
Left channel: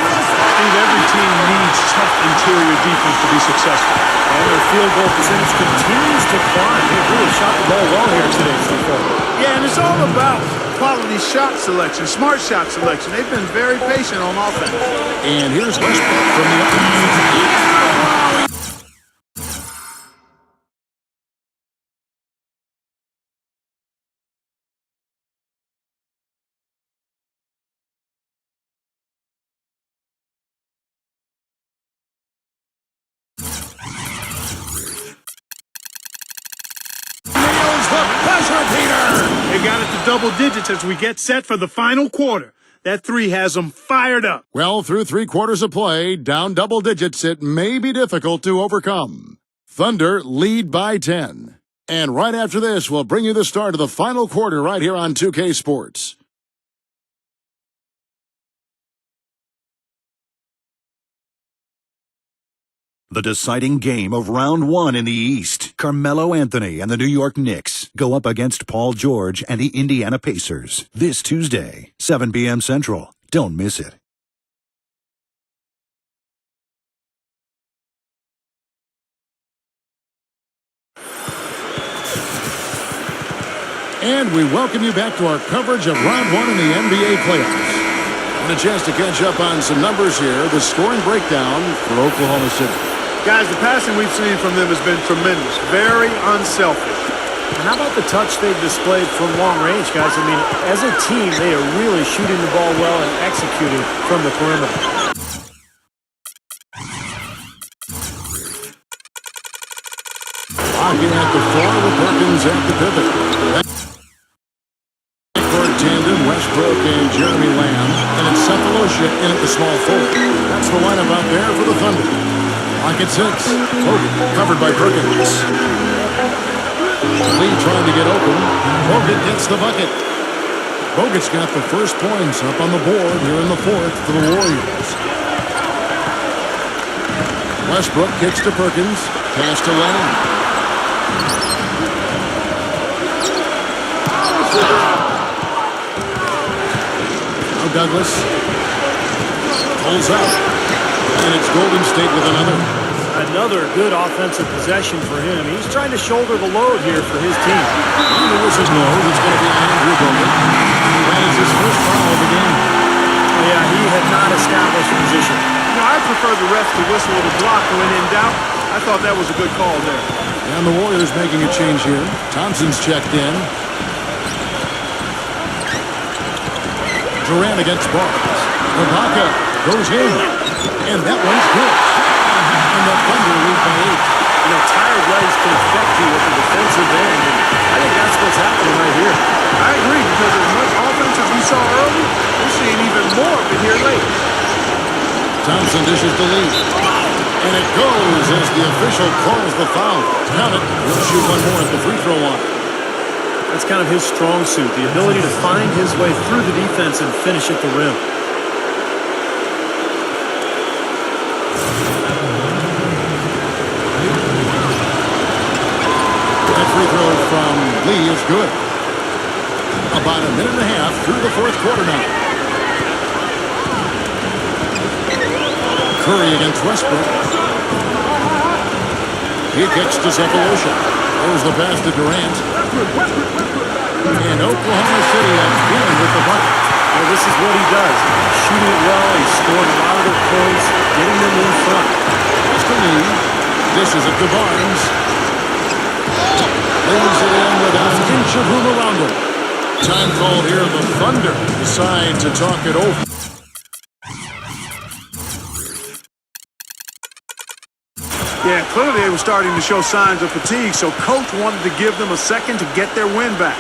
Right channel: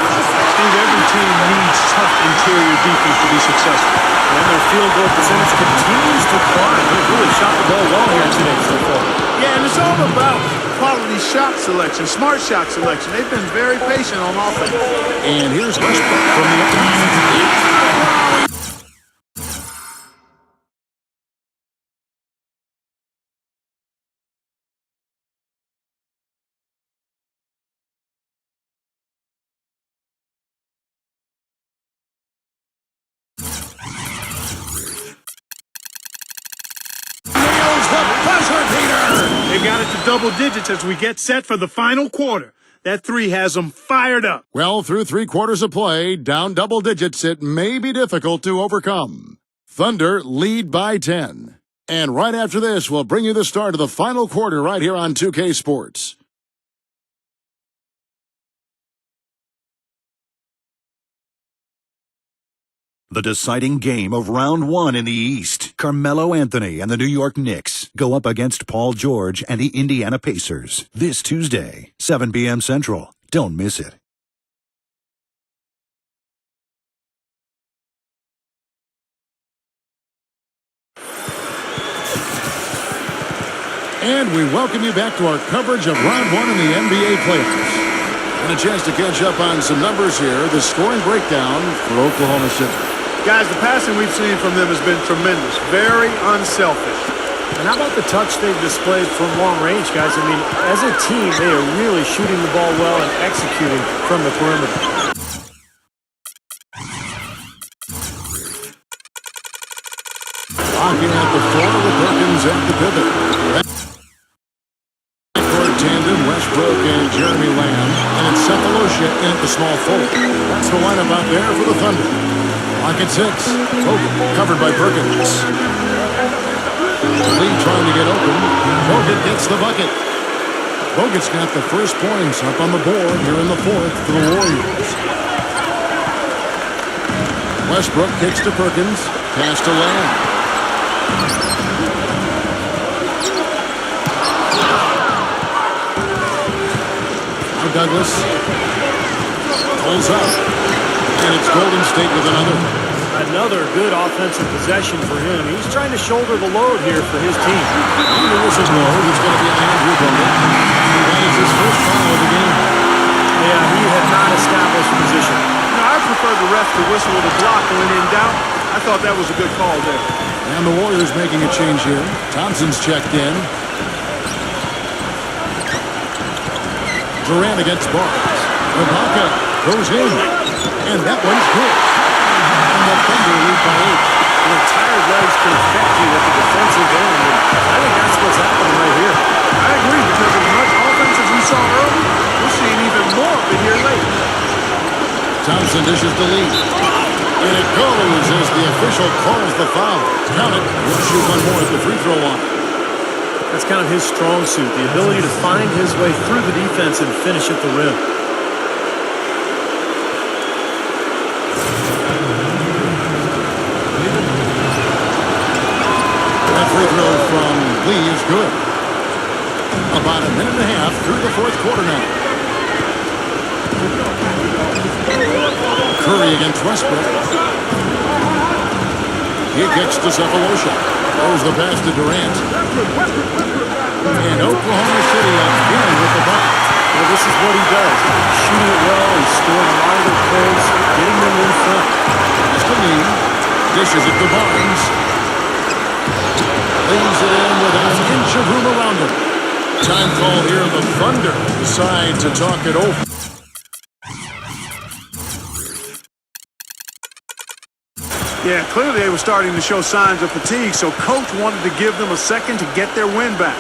Steve, every team needs tough interior defense to be successful. And their field goal percentage continues to climb. They've really shot the ball well here today so far. Yeah, and it's all about quality shot selection, smart shot selection. They've been very patient on offense. And here's Westbrook from the upper. They've got it to double digits as we get set for the final quarter. That 3 has them fired up. Well, through 3 quarters of play, down double digits, it may be difficult to overcome. Thunder lead by 10. And right after this, we'll bring you the start of the final quarter right here on 2K Sports. The deciding game of round 1 in the East. Carmelo Anthony and the New York Knicks go up against Paul George and the Indiana Pacers this Tuesday, 7 p.m. Central. Don't miss it. And we welcome you back to our coverage of round 1 in the NBA playoffs. And a chance to catch up on some numbers here. The scoring breakdown for Oklahoma City. Guys, the passing we've seen from them has been tremendous. Very unselfish. And how about the touch they've displayed from long range, guys? I mean, as a team, they are really shooting the ball well and executing from the perimeter. Locking at the floor with Perkins at the pivot. Backcourt tandem, Westbrook and Jeremy Lamb. And it's Cephalosha in at the small forward. That's the lineup out there for the Thunder. Lock at 6. Hogan covered by Perkins. Lee trying to get open. Bogut gets the bucket. Bogut's got the first points up on the board here in the fourth for the Warriors. Westbrook kicks to Perkins. Pass to Lamb. Now Douglas pulls up. And it's Golden State with another. Another good offensive possession for him. He's trying to shoulder the load here for his team. And the whistle blows. It's going to be on Andrew Bogut. That is his first foul of the game. Yeah, he had not established position. You know, I prefer the ref to whistle with a block when in doubt. I thought that was a good call there. And the Warriors making a change here. Thompson's checked in. Durant against Barnes. Ibaka goes in. And that one's good. And the Thunder lead by 8. You know, tired legs can affect you at the defensive end, and I think that's what's happening right here. I agree, because as much offense as we saw early, we're seeing even more of it here late. Thompson dishes the lead. And it goes as the official calls the foul. Count it. He'll shoot one more at the free throw line. That's kind of his strong suit, the ability to find his way through the defense and finish at the rim. That free throw from Lee is good. About a minute and a half through the fourth quarter now. Curry against Westbrook. He kicks to Cephalosha. Throws the pass to Durant. And Oklahoma City again with the bucket. Well, this is what he does. Shooting it well, he's scoring a lot of their points, getting them in front. It's to Lee. Dishes it to Barnes. Leaves it in without an inch of room around him. Time call here. The Thunder decide to talk it over. Yeah, clearly they were starting to show signs of fatigue, so coach wanted to give them a second to get their win back.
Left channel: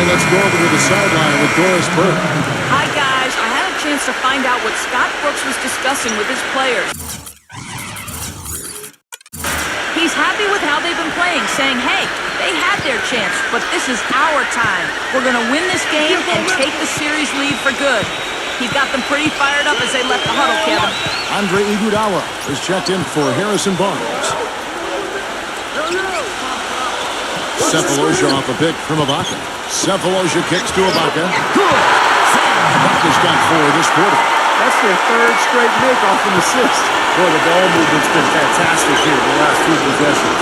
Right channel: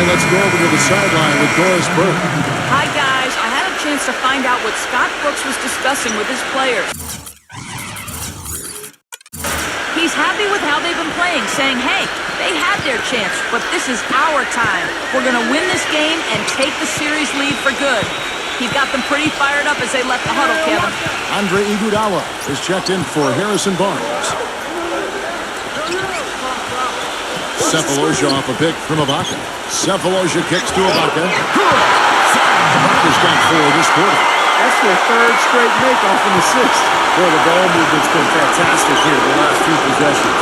Let's go over to the sideline with Doris Burke. Hi, guys. I had a chance to find out what Scott Brooks was discussing with his players. He's happy with how they've been playing, saying, hey, they had their chance, but this is our time. We're going to win this game and take the series lead for good. He got them pretty fired up as they left the huddle, Kevin. Andre Iguodala is checked in for Harrison Barnes. Cephalosha off a pick from Ibaka. Cephalosha kicks to Ibaka. Good! Ibaka's got 4 this quarter. That's their third straight make-off and assist. Boy, the ball movement's been fantastic here the last few possessions.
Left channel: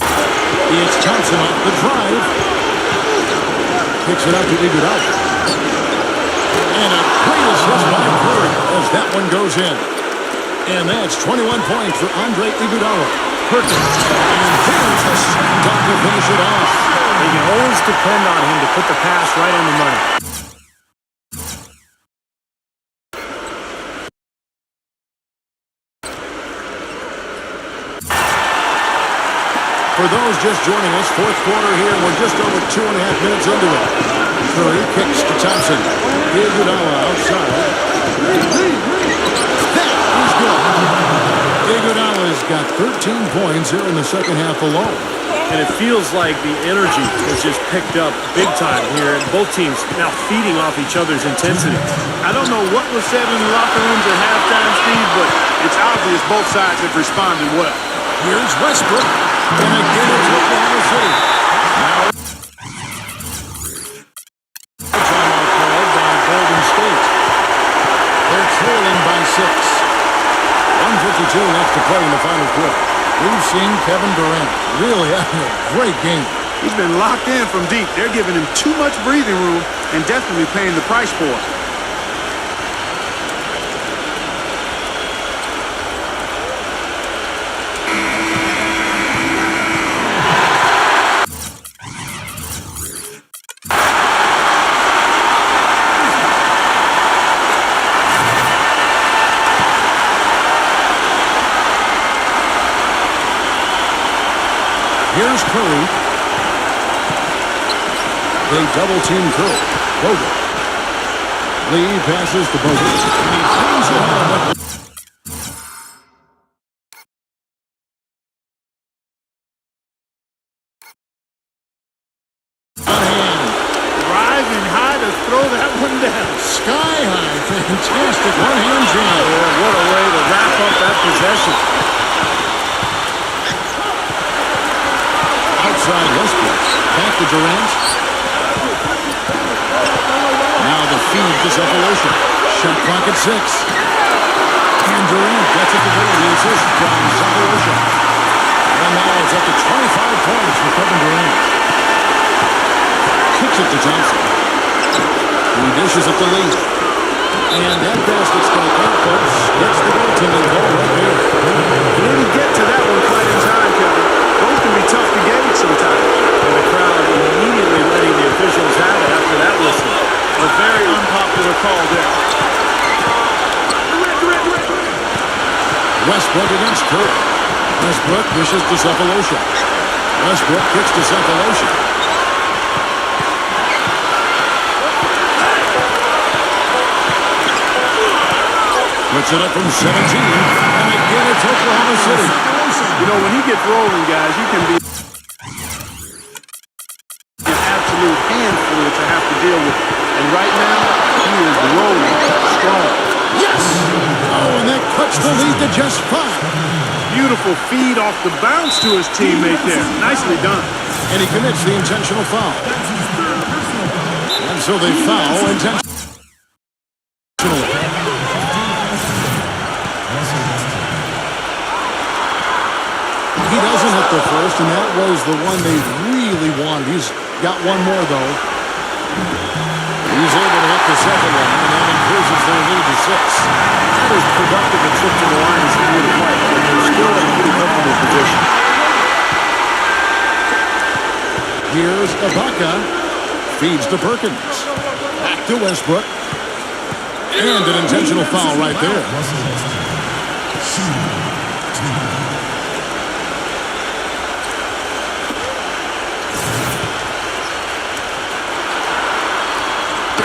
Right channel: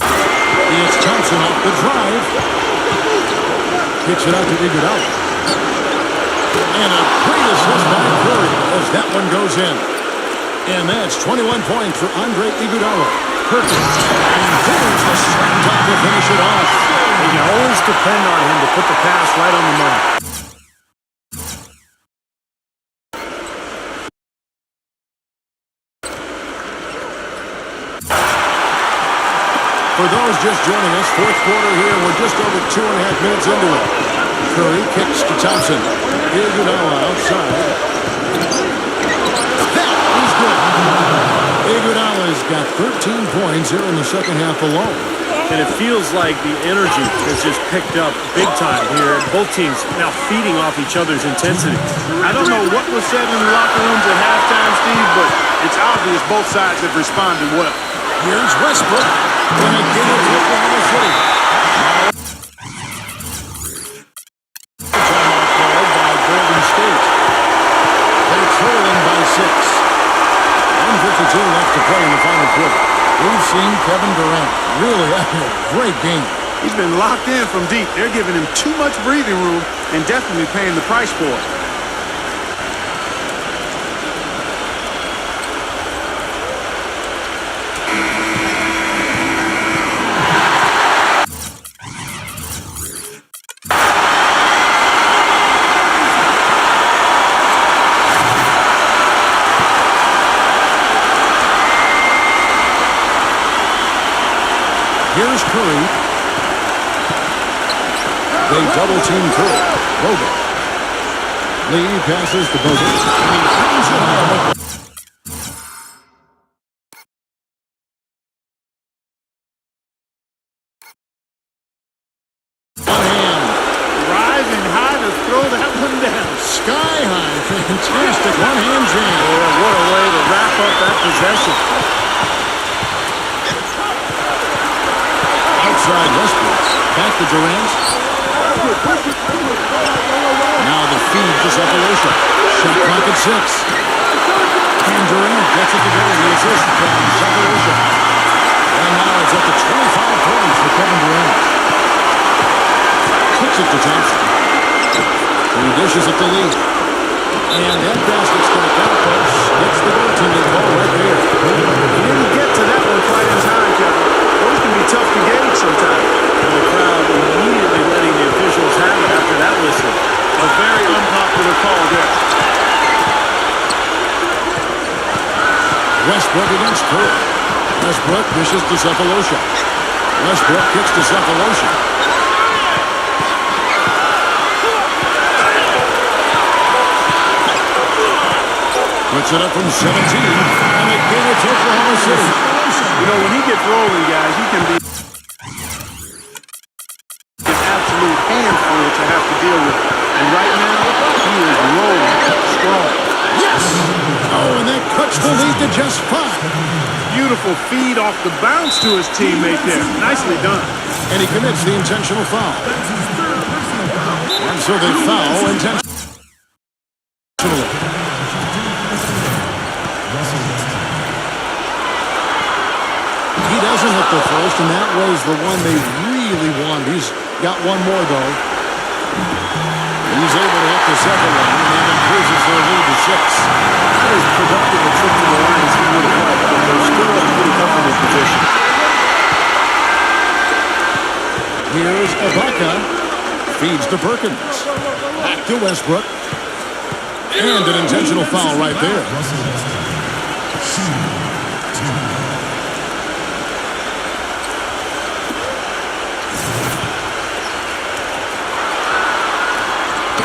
It's Thompson off the drive. Kicks it out to Iguodala. And a great assist by Curry as that one goes in. And that's 21 points for Andre Iguodala. Perkins. And there's the slam dunk to finish it off. You can always depend on him to put the pass right on the money. For those just joining us, fourth quarter here. We're just over 2.5 minutes into it. Curry kicks to Thompson. Iguodala outside. That is good. Iguodala's got 13 points here in the second half alone. And it feels like the energy has just picked up big time here. And both teams now feeding off each other's intensity. I don't know what was said in the locker rooms at halftime, Steve, but it's obvious both sides have responded well. Here's Westbrook. And again, it's Oklahoma City. Now, timeout called by Golden State. They're trailing by 6. 1:52 left to play in the final quarter. We've seen Kevin Durant really having a great game. He's been locked in from deep. They're giving him too much breathing room and definitely paying the price for it. Here's Curry. They double-team Curry. Bogut. Lee passes to Bogut, and he brings it home with one hand. Rising high to throw that one down. Sky high. Fantastic one-hand jam. Yeah, what a way to wrap up that possession. Outside Westbrook. Back to Durant. Now the feed to Cephalosha. Shot clock at 6. And Durant gets it to go. The assist from Cephalosha. And now it's up to 25 points for Kevin Durant. Kicks it to Thompson. He dishes it to Lee. And that basket's going to count, folks. Gets the goaltending call right there. He didn't get to that one quite in time, Kevin. Those can be tough to gauge sometimes. And the crowd immediately letting the officials have it after that whistle. A very unpopular call there. Westbrook against Curry. Westbrook dishes to Cephalosha. Westbrook kicks to Cephalosha. Puts it up from 17, and again it's Oklahoma City. You know, when he gets rolling, guys, he can be an absolute handful to have to deal with. And right now, he is rolling strong. Yes! Oh, and that cuts the lead to just 5. Beautiful feed off the bounce to his teammate there. Nicely done. And he commits the intentional foul. And so they foul intentionally. He doesn't hit the first, and that was the one they really wanted. He's got one more, though. He's able to hit the second one, and that increases their lead to 6. Not as productive a trip to the line as he would have liked, but they're still in a pretty comfortable position. Here's Ibaka. Feeds to Perkins. Back to Westbrook. And an intentional foul right there.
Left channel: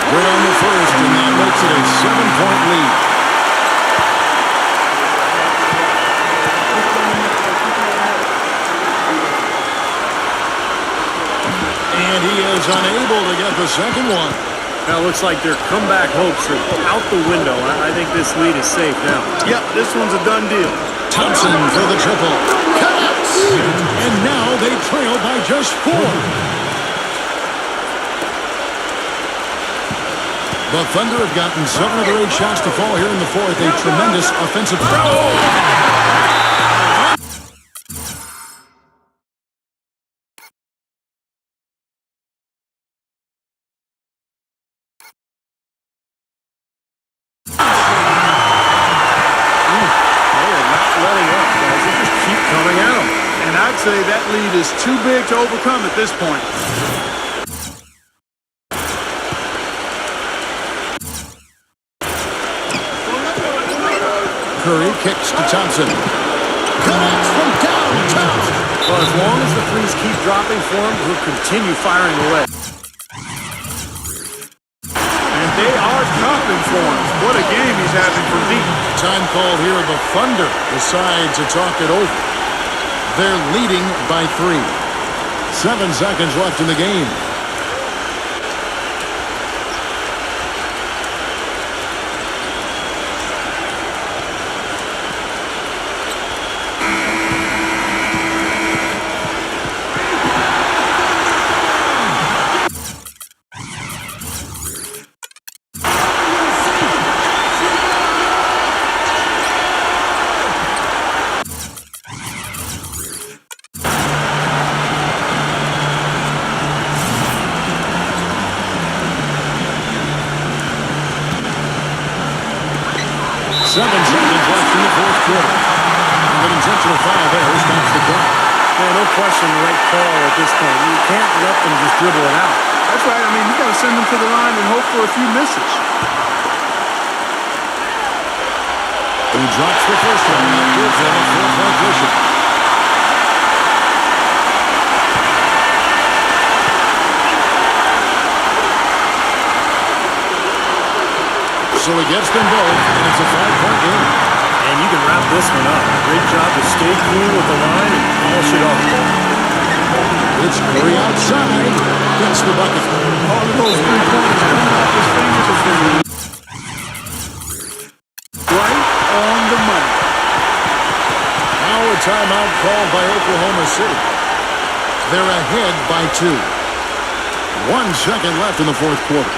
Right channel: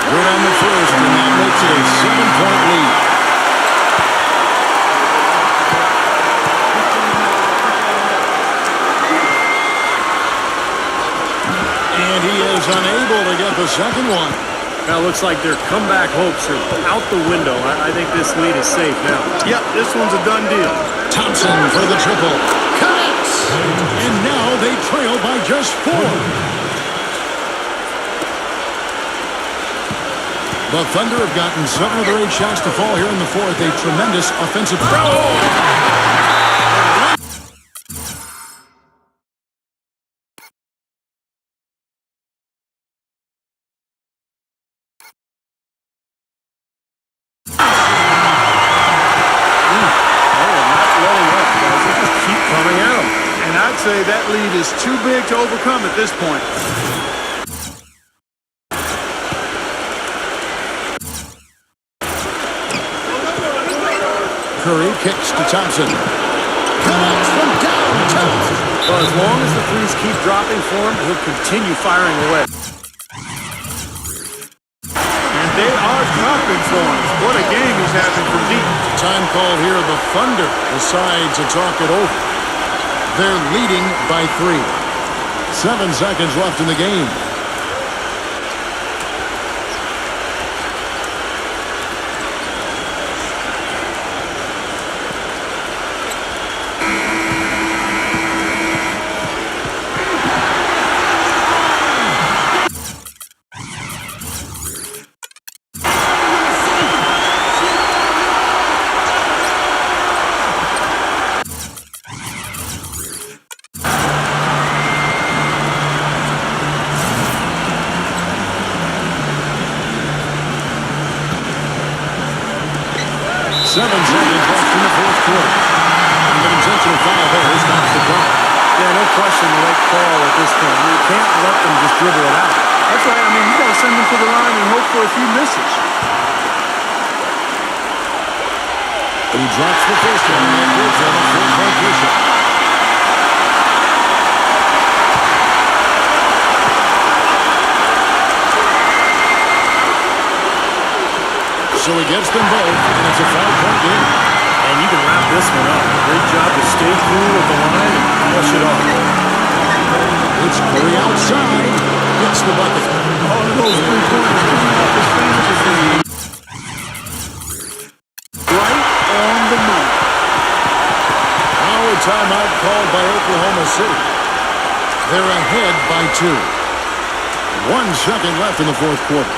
Good on the first, and that makes it a 7-point lead. And he is unable to get the second one. Now, it looks like their comeback hopes are out the window. I think this lead is safe now. Yep, this one's a done deal. Thompson for the triple. Connects! And now they trail by just 4. The Thunder have gotten 7 of their 8 shots to fall here in the fourth. A tremendous offensive throw. And I'd say that lead is too big to overcome at this point. Curry kicks to Thompson. Connects from downtown. Well, as long as the threes keep dropping for him, he'll continue firing away. And they are dropping for him. What a game he's having from deep. Time called here. The Thunder decide to talk it over. They're leading by 3. 7 seconds left in the game. Seven seconds left in the fourth quarter. And an intentional foul there stops the clock. Yeah, no question the right call at this point. You can't let them just dribble it out. That's right. I mean, you got to send them to the line and hope for a few misses. He drops the first one, and that gives them a 4-point cushion. So he gets them both, and it's a 5-point game. And you can wrap this one up. Great job to stay cool with the line and polish it off. It's Curry outside. Gets the bucket. All of those three-pointers coming off his fingers is right on the money. Now a timeout called by Oklahoma City. They're ahead by 2. 1 second left in the fourth quarter.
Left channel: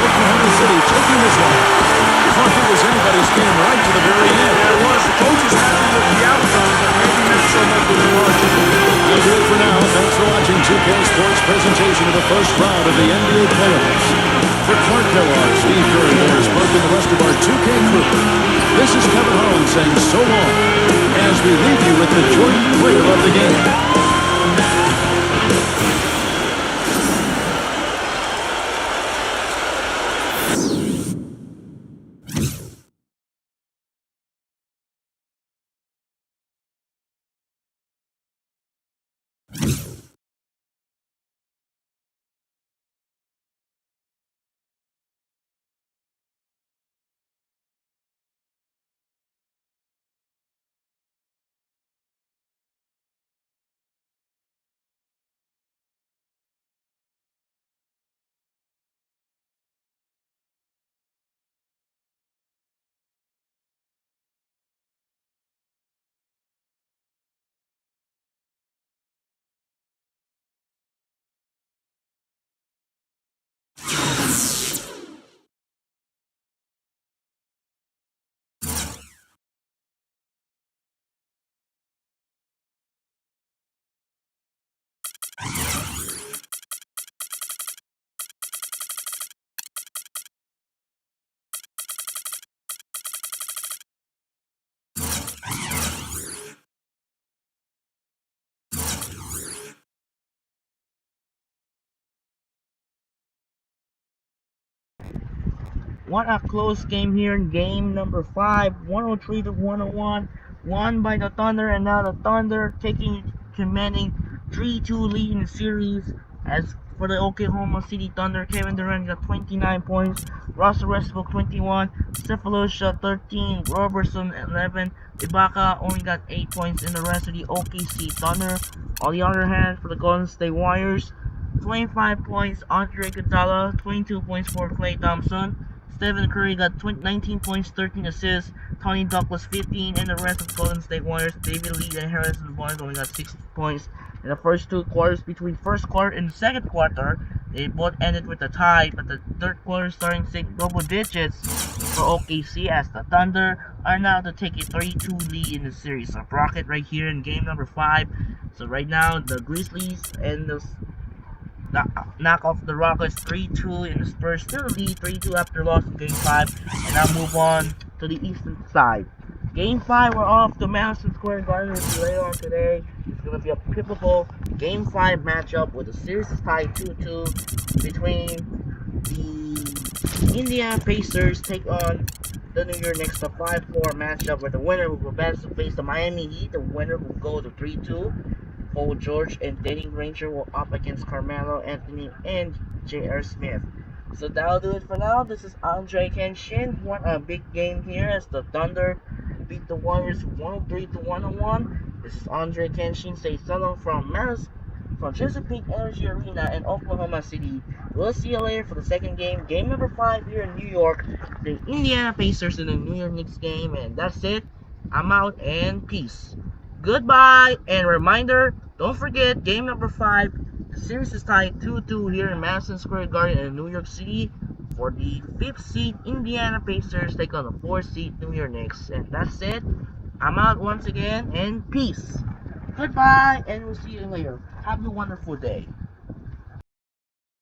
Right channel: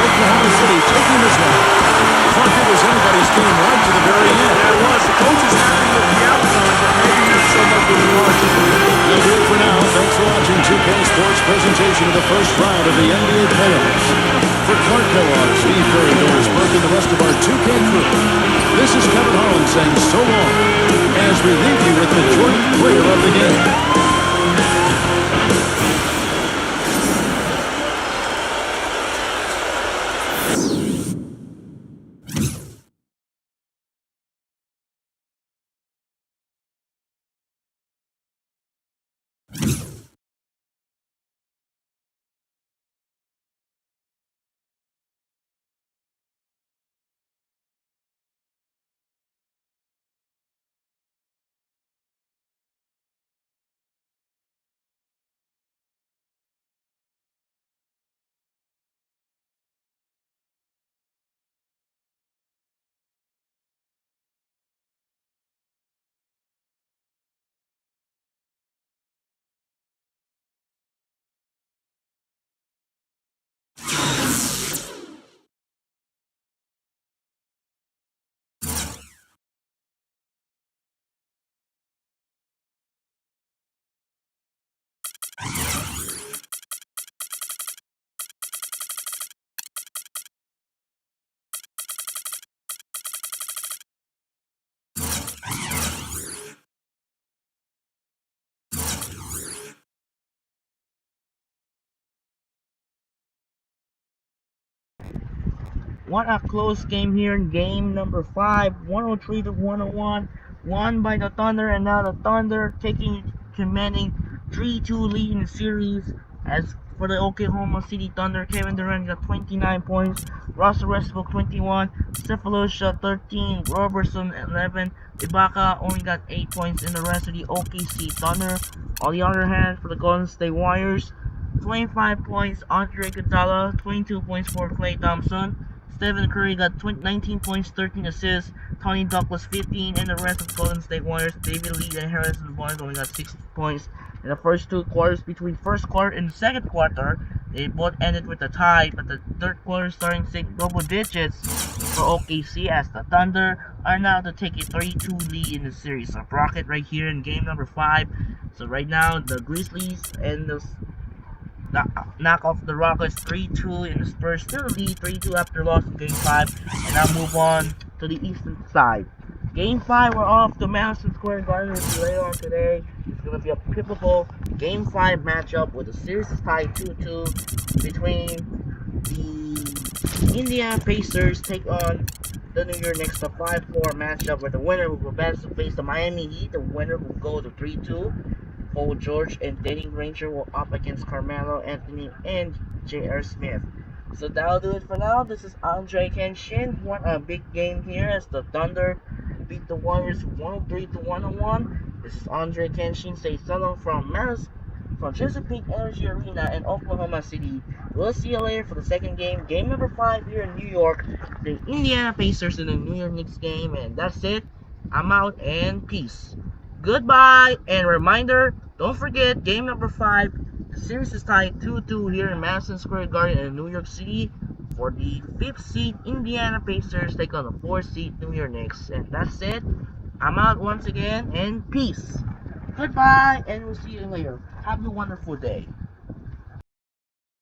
Oklahoma City taking this one. Clark, it was anybody's game right to the very end. Yeah, it was. The coach is happy with the outcome, but maybe not so much with the margin. That'll do it for now. Thanks for watching 2K Sports presentation of the first round of the NBA playoffs. For Clark Kellogg, Steve Curry, Doris Burke, and the rest of our 2K crew, this is Kevin Harlan saying so long as we leave you with the joint player of the game. What a close game here in game number 5, 103 to 101, won by the Thunder, and now the Thunder commanding 3-2 lead in the series. As for the Oklahoma City Thunder, Kevin Durant got 29 points, Russell Westbrook 21, Cephalosha 13, Robertson 11, Ibaka only got 8 points in the rest of the OKC Thunder. On the other hand, for the Golden State Warriors, 25 points, Andre Iguodala, 22 points for Klay Thompson. Stephen Curry got 19 points, 13 assists. Tony Douglas 15, and the rest of the Golden State Warriors, David Lee and Harrison Barnes only got 6 points. In the first 2 quarters, between first quarter and the second quarter, they both ended with a tie, but the third quarter starting to double digits for OKC as the Thunder are now to take a 3-2 lead in the series. So Rocket right here in game number 5. So right now the Grizzlies and the knock off the Rockets 3-2, and the Spurs still lead 3-2 after loss in game 5, and now move on to the eastern side. Game 5, we're off to Madison Square Garden with you later on today. It's going to be a pivotal Game 5 matchup with the series is tied 2-2 between the Indiana Pacers take on the New York Knicks, the 5-4 matchup where the winner will advance to face the Miami Heat. The winner will go to 3-2. Paul George and Danny Granger will up against Carmelo Anthony and J.R. Smith. So that'll do it for now. This is Andre Kenshin. What a big game here as the Thunder beat the Warriors 103-101. This is Andre Kenshin. Say so long from Chesapeake Energy Arena in Oklahoma City. We'll see you later for the second game. Game number 5 here in New York. The Indiana Pacers in the New York Knicks game. And that's it. I'm out and peace. Goodbye, and reminder, don't forget, game number 5, the series is tied 2-2 here in Madison Square Garden in New York City for the 5th seed Indiana Pacers take on the 4th seed New York Knicks. And that's it. I'm out once again, and peace. Goodbye, and we'll see you later. Have a wonderful day.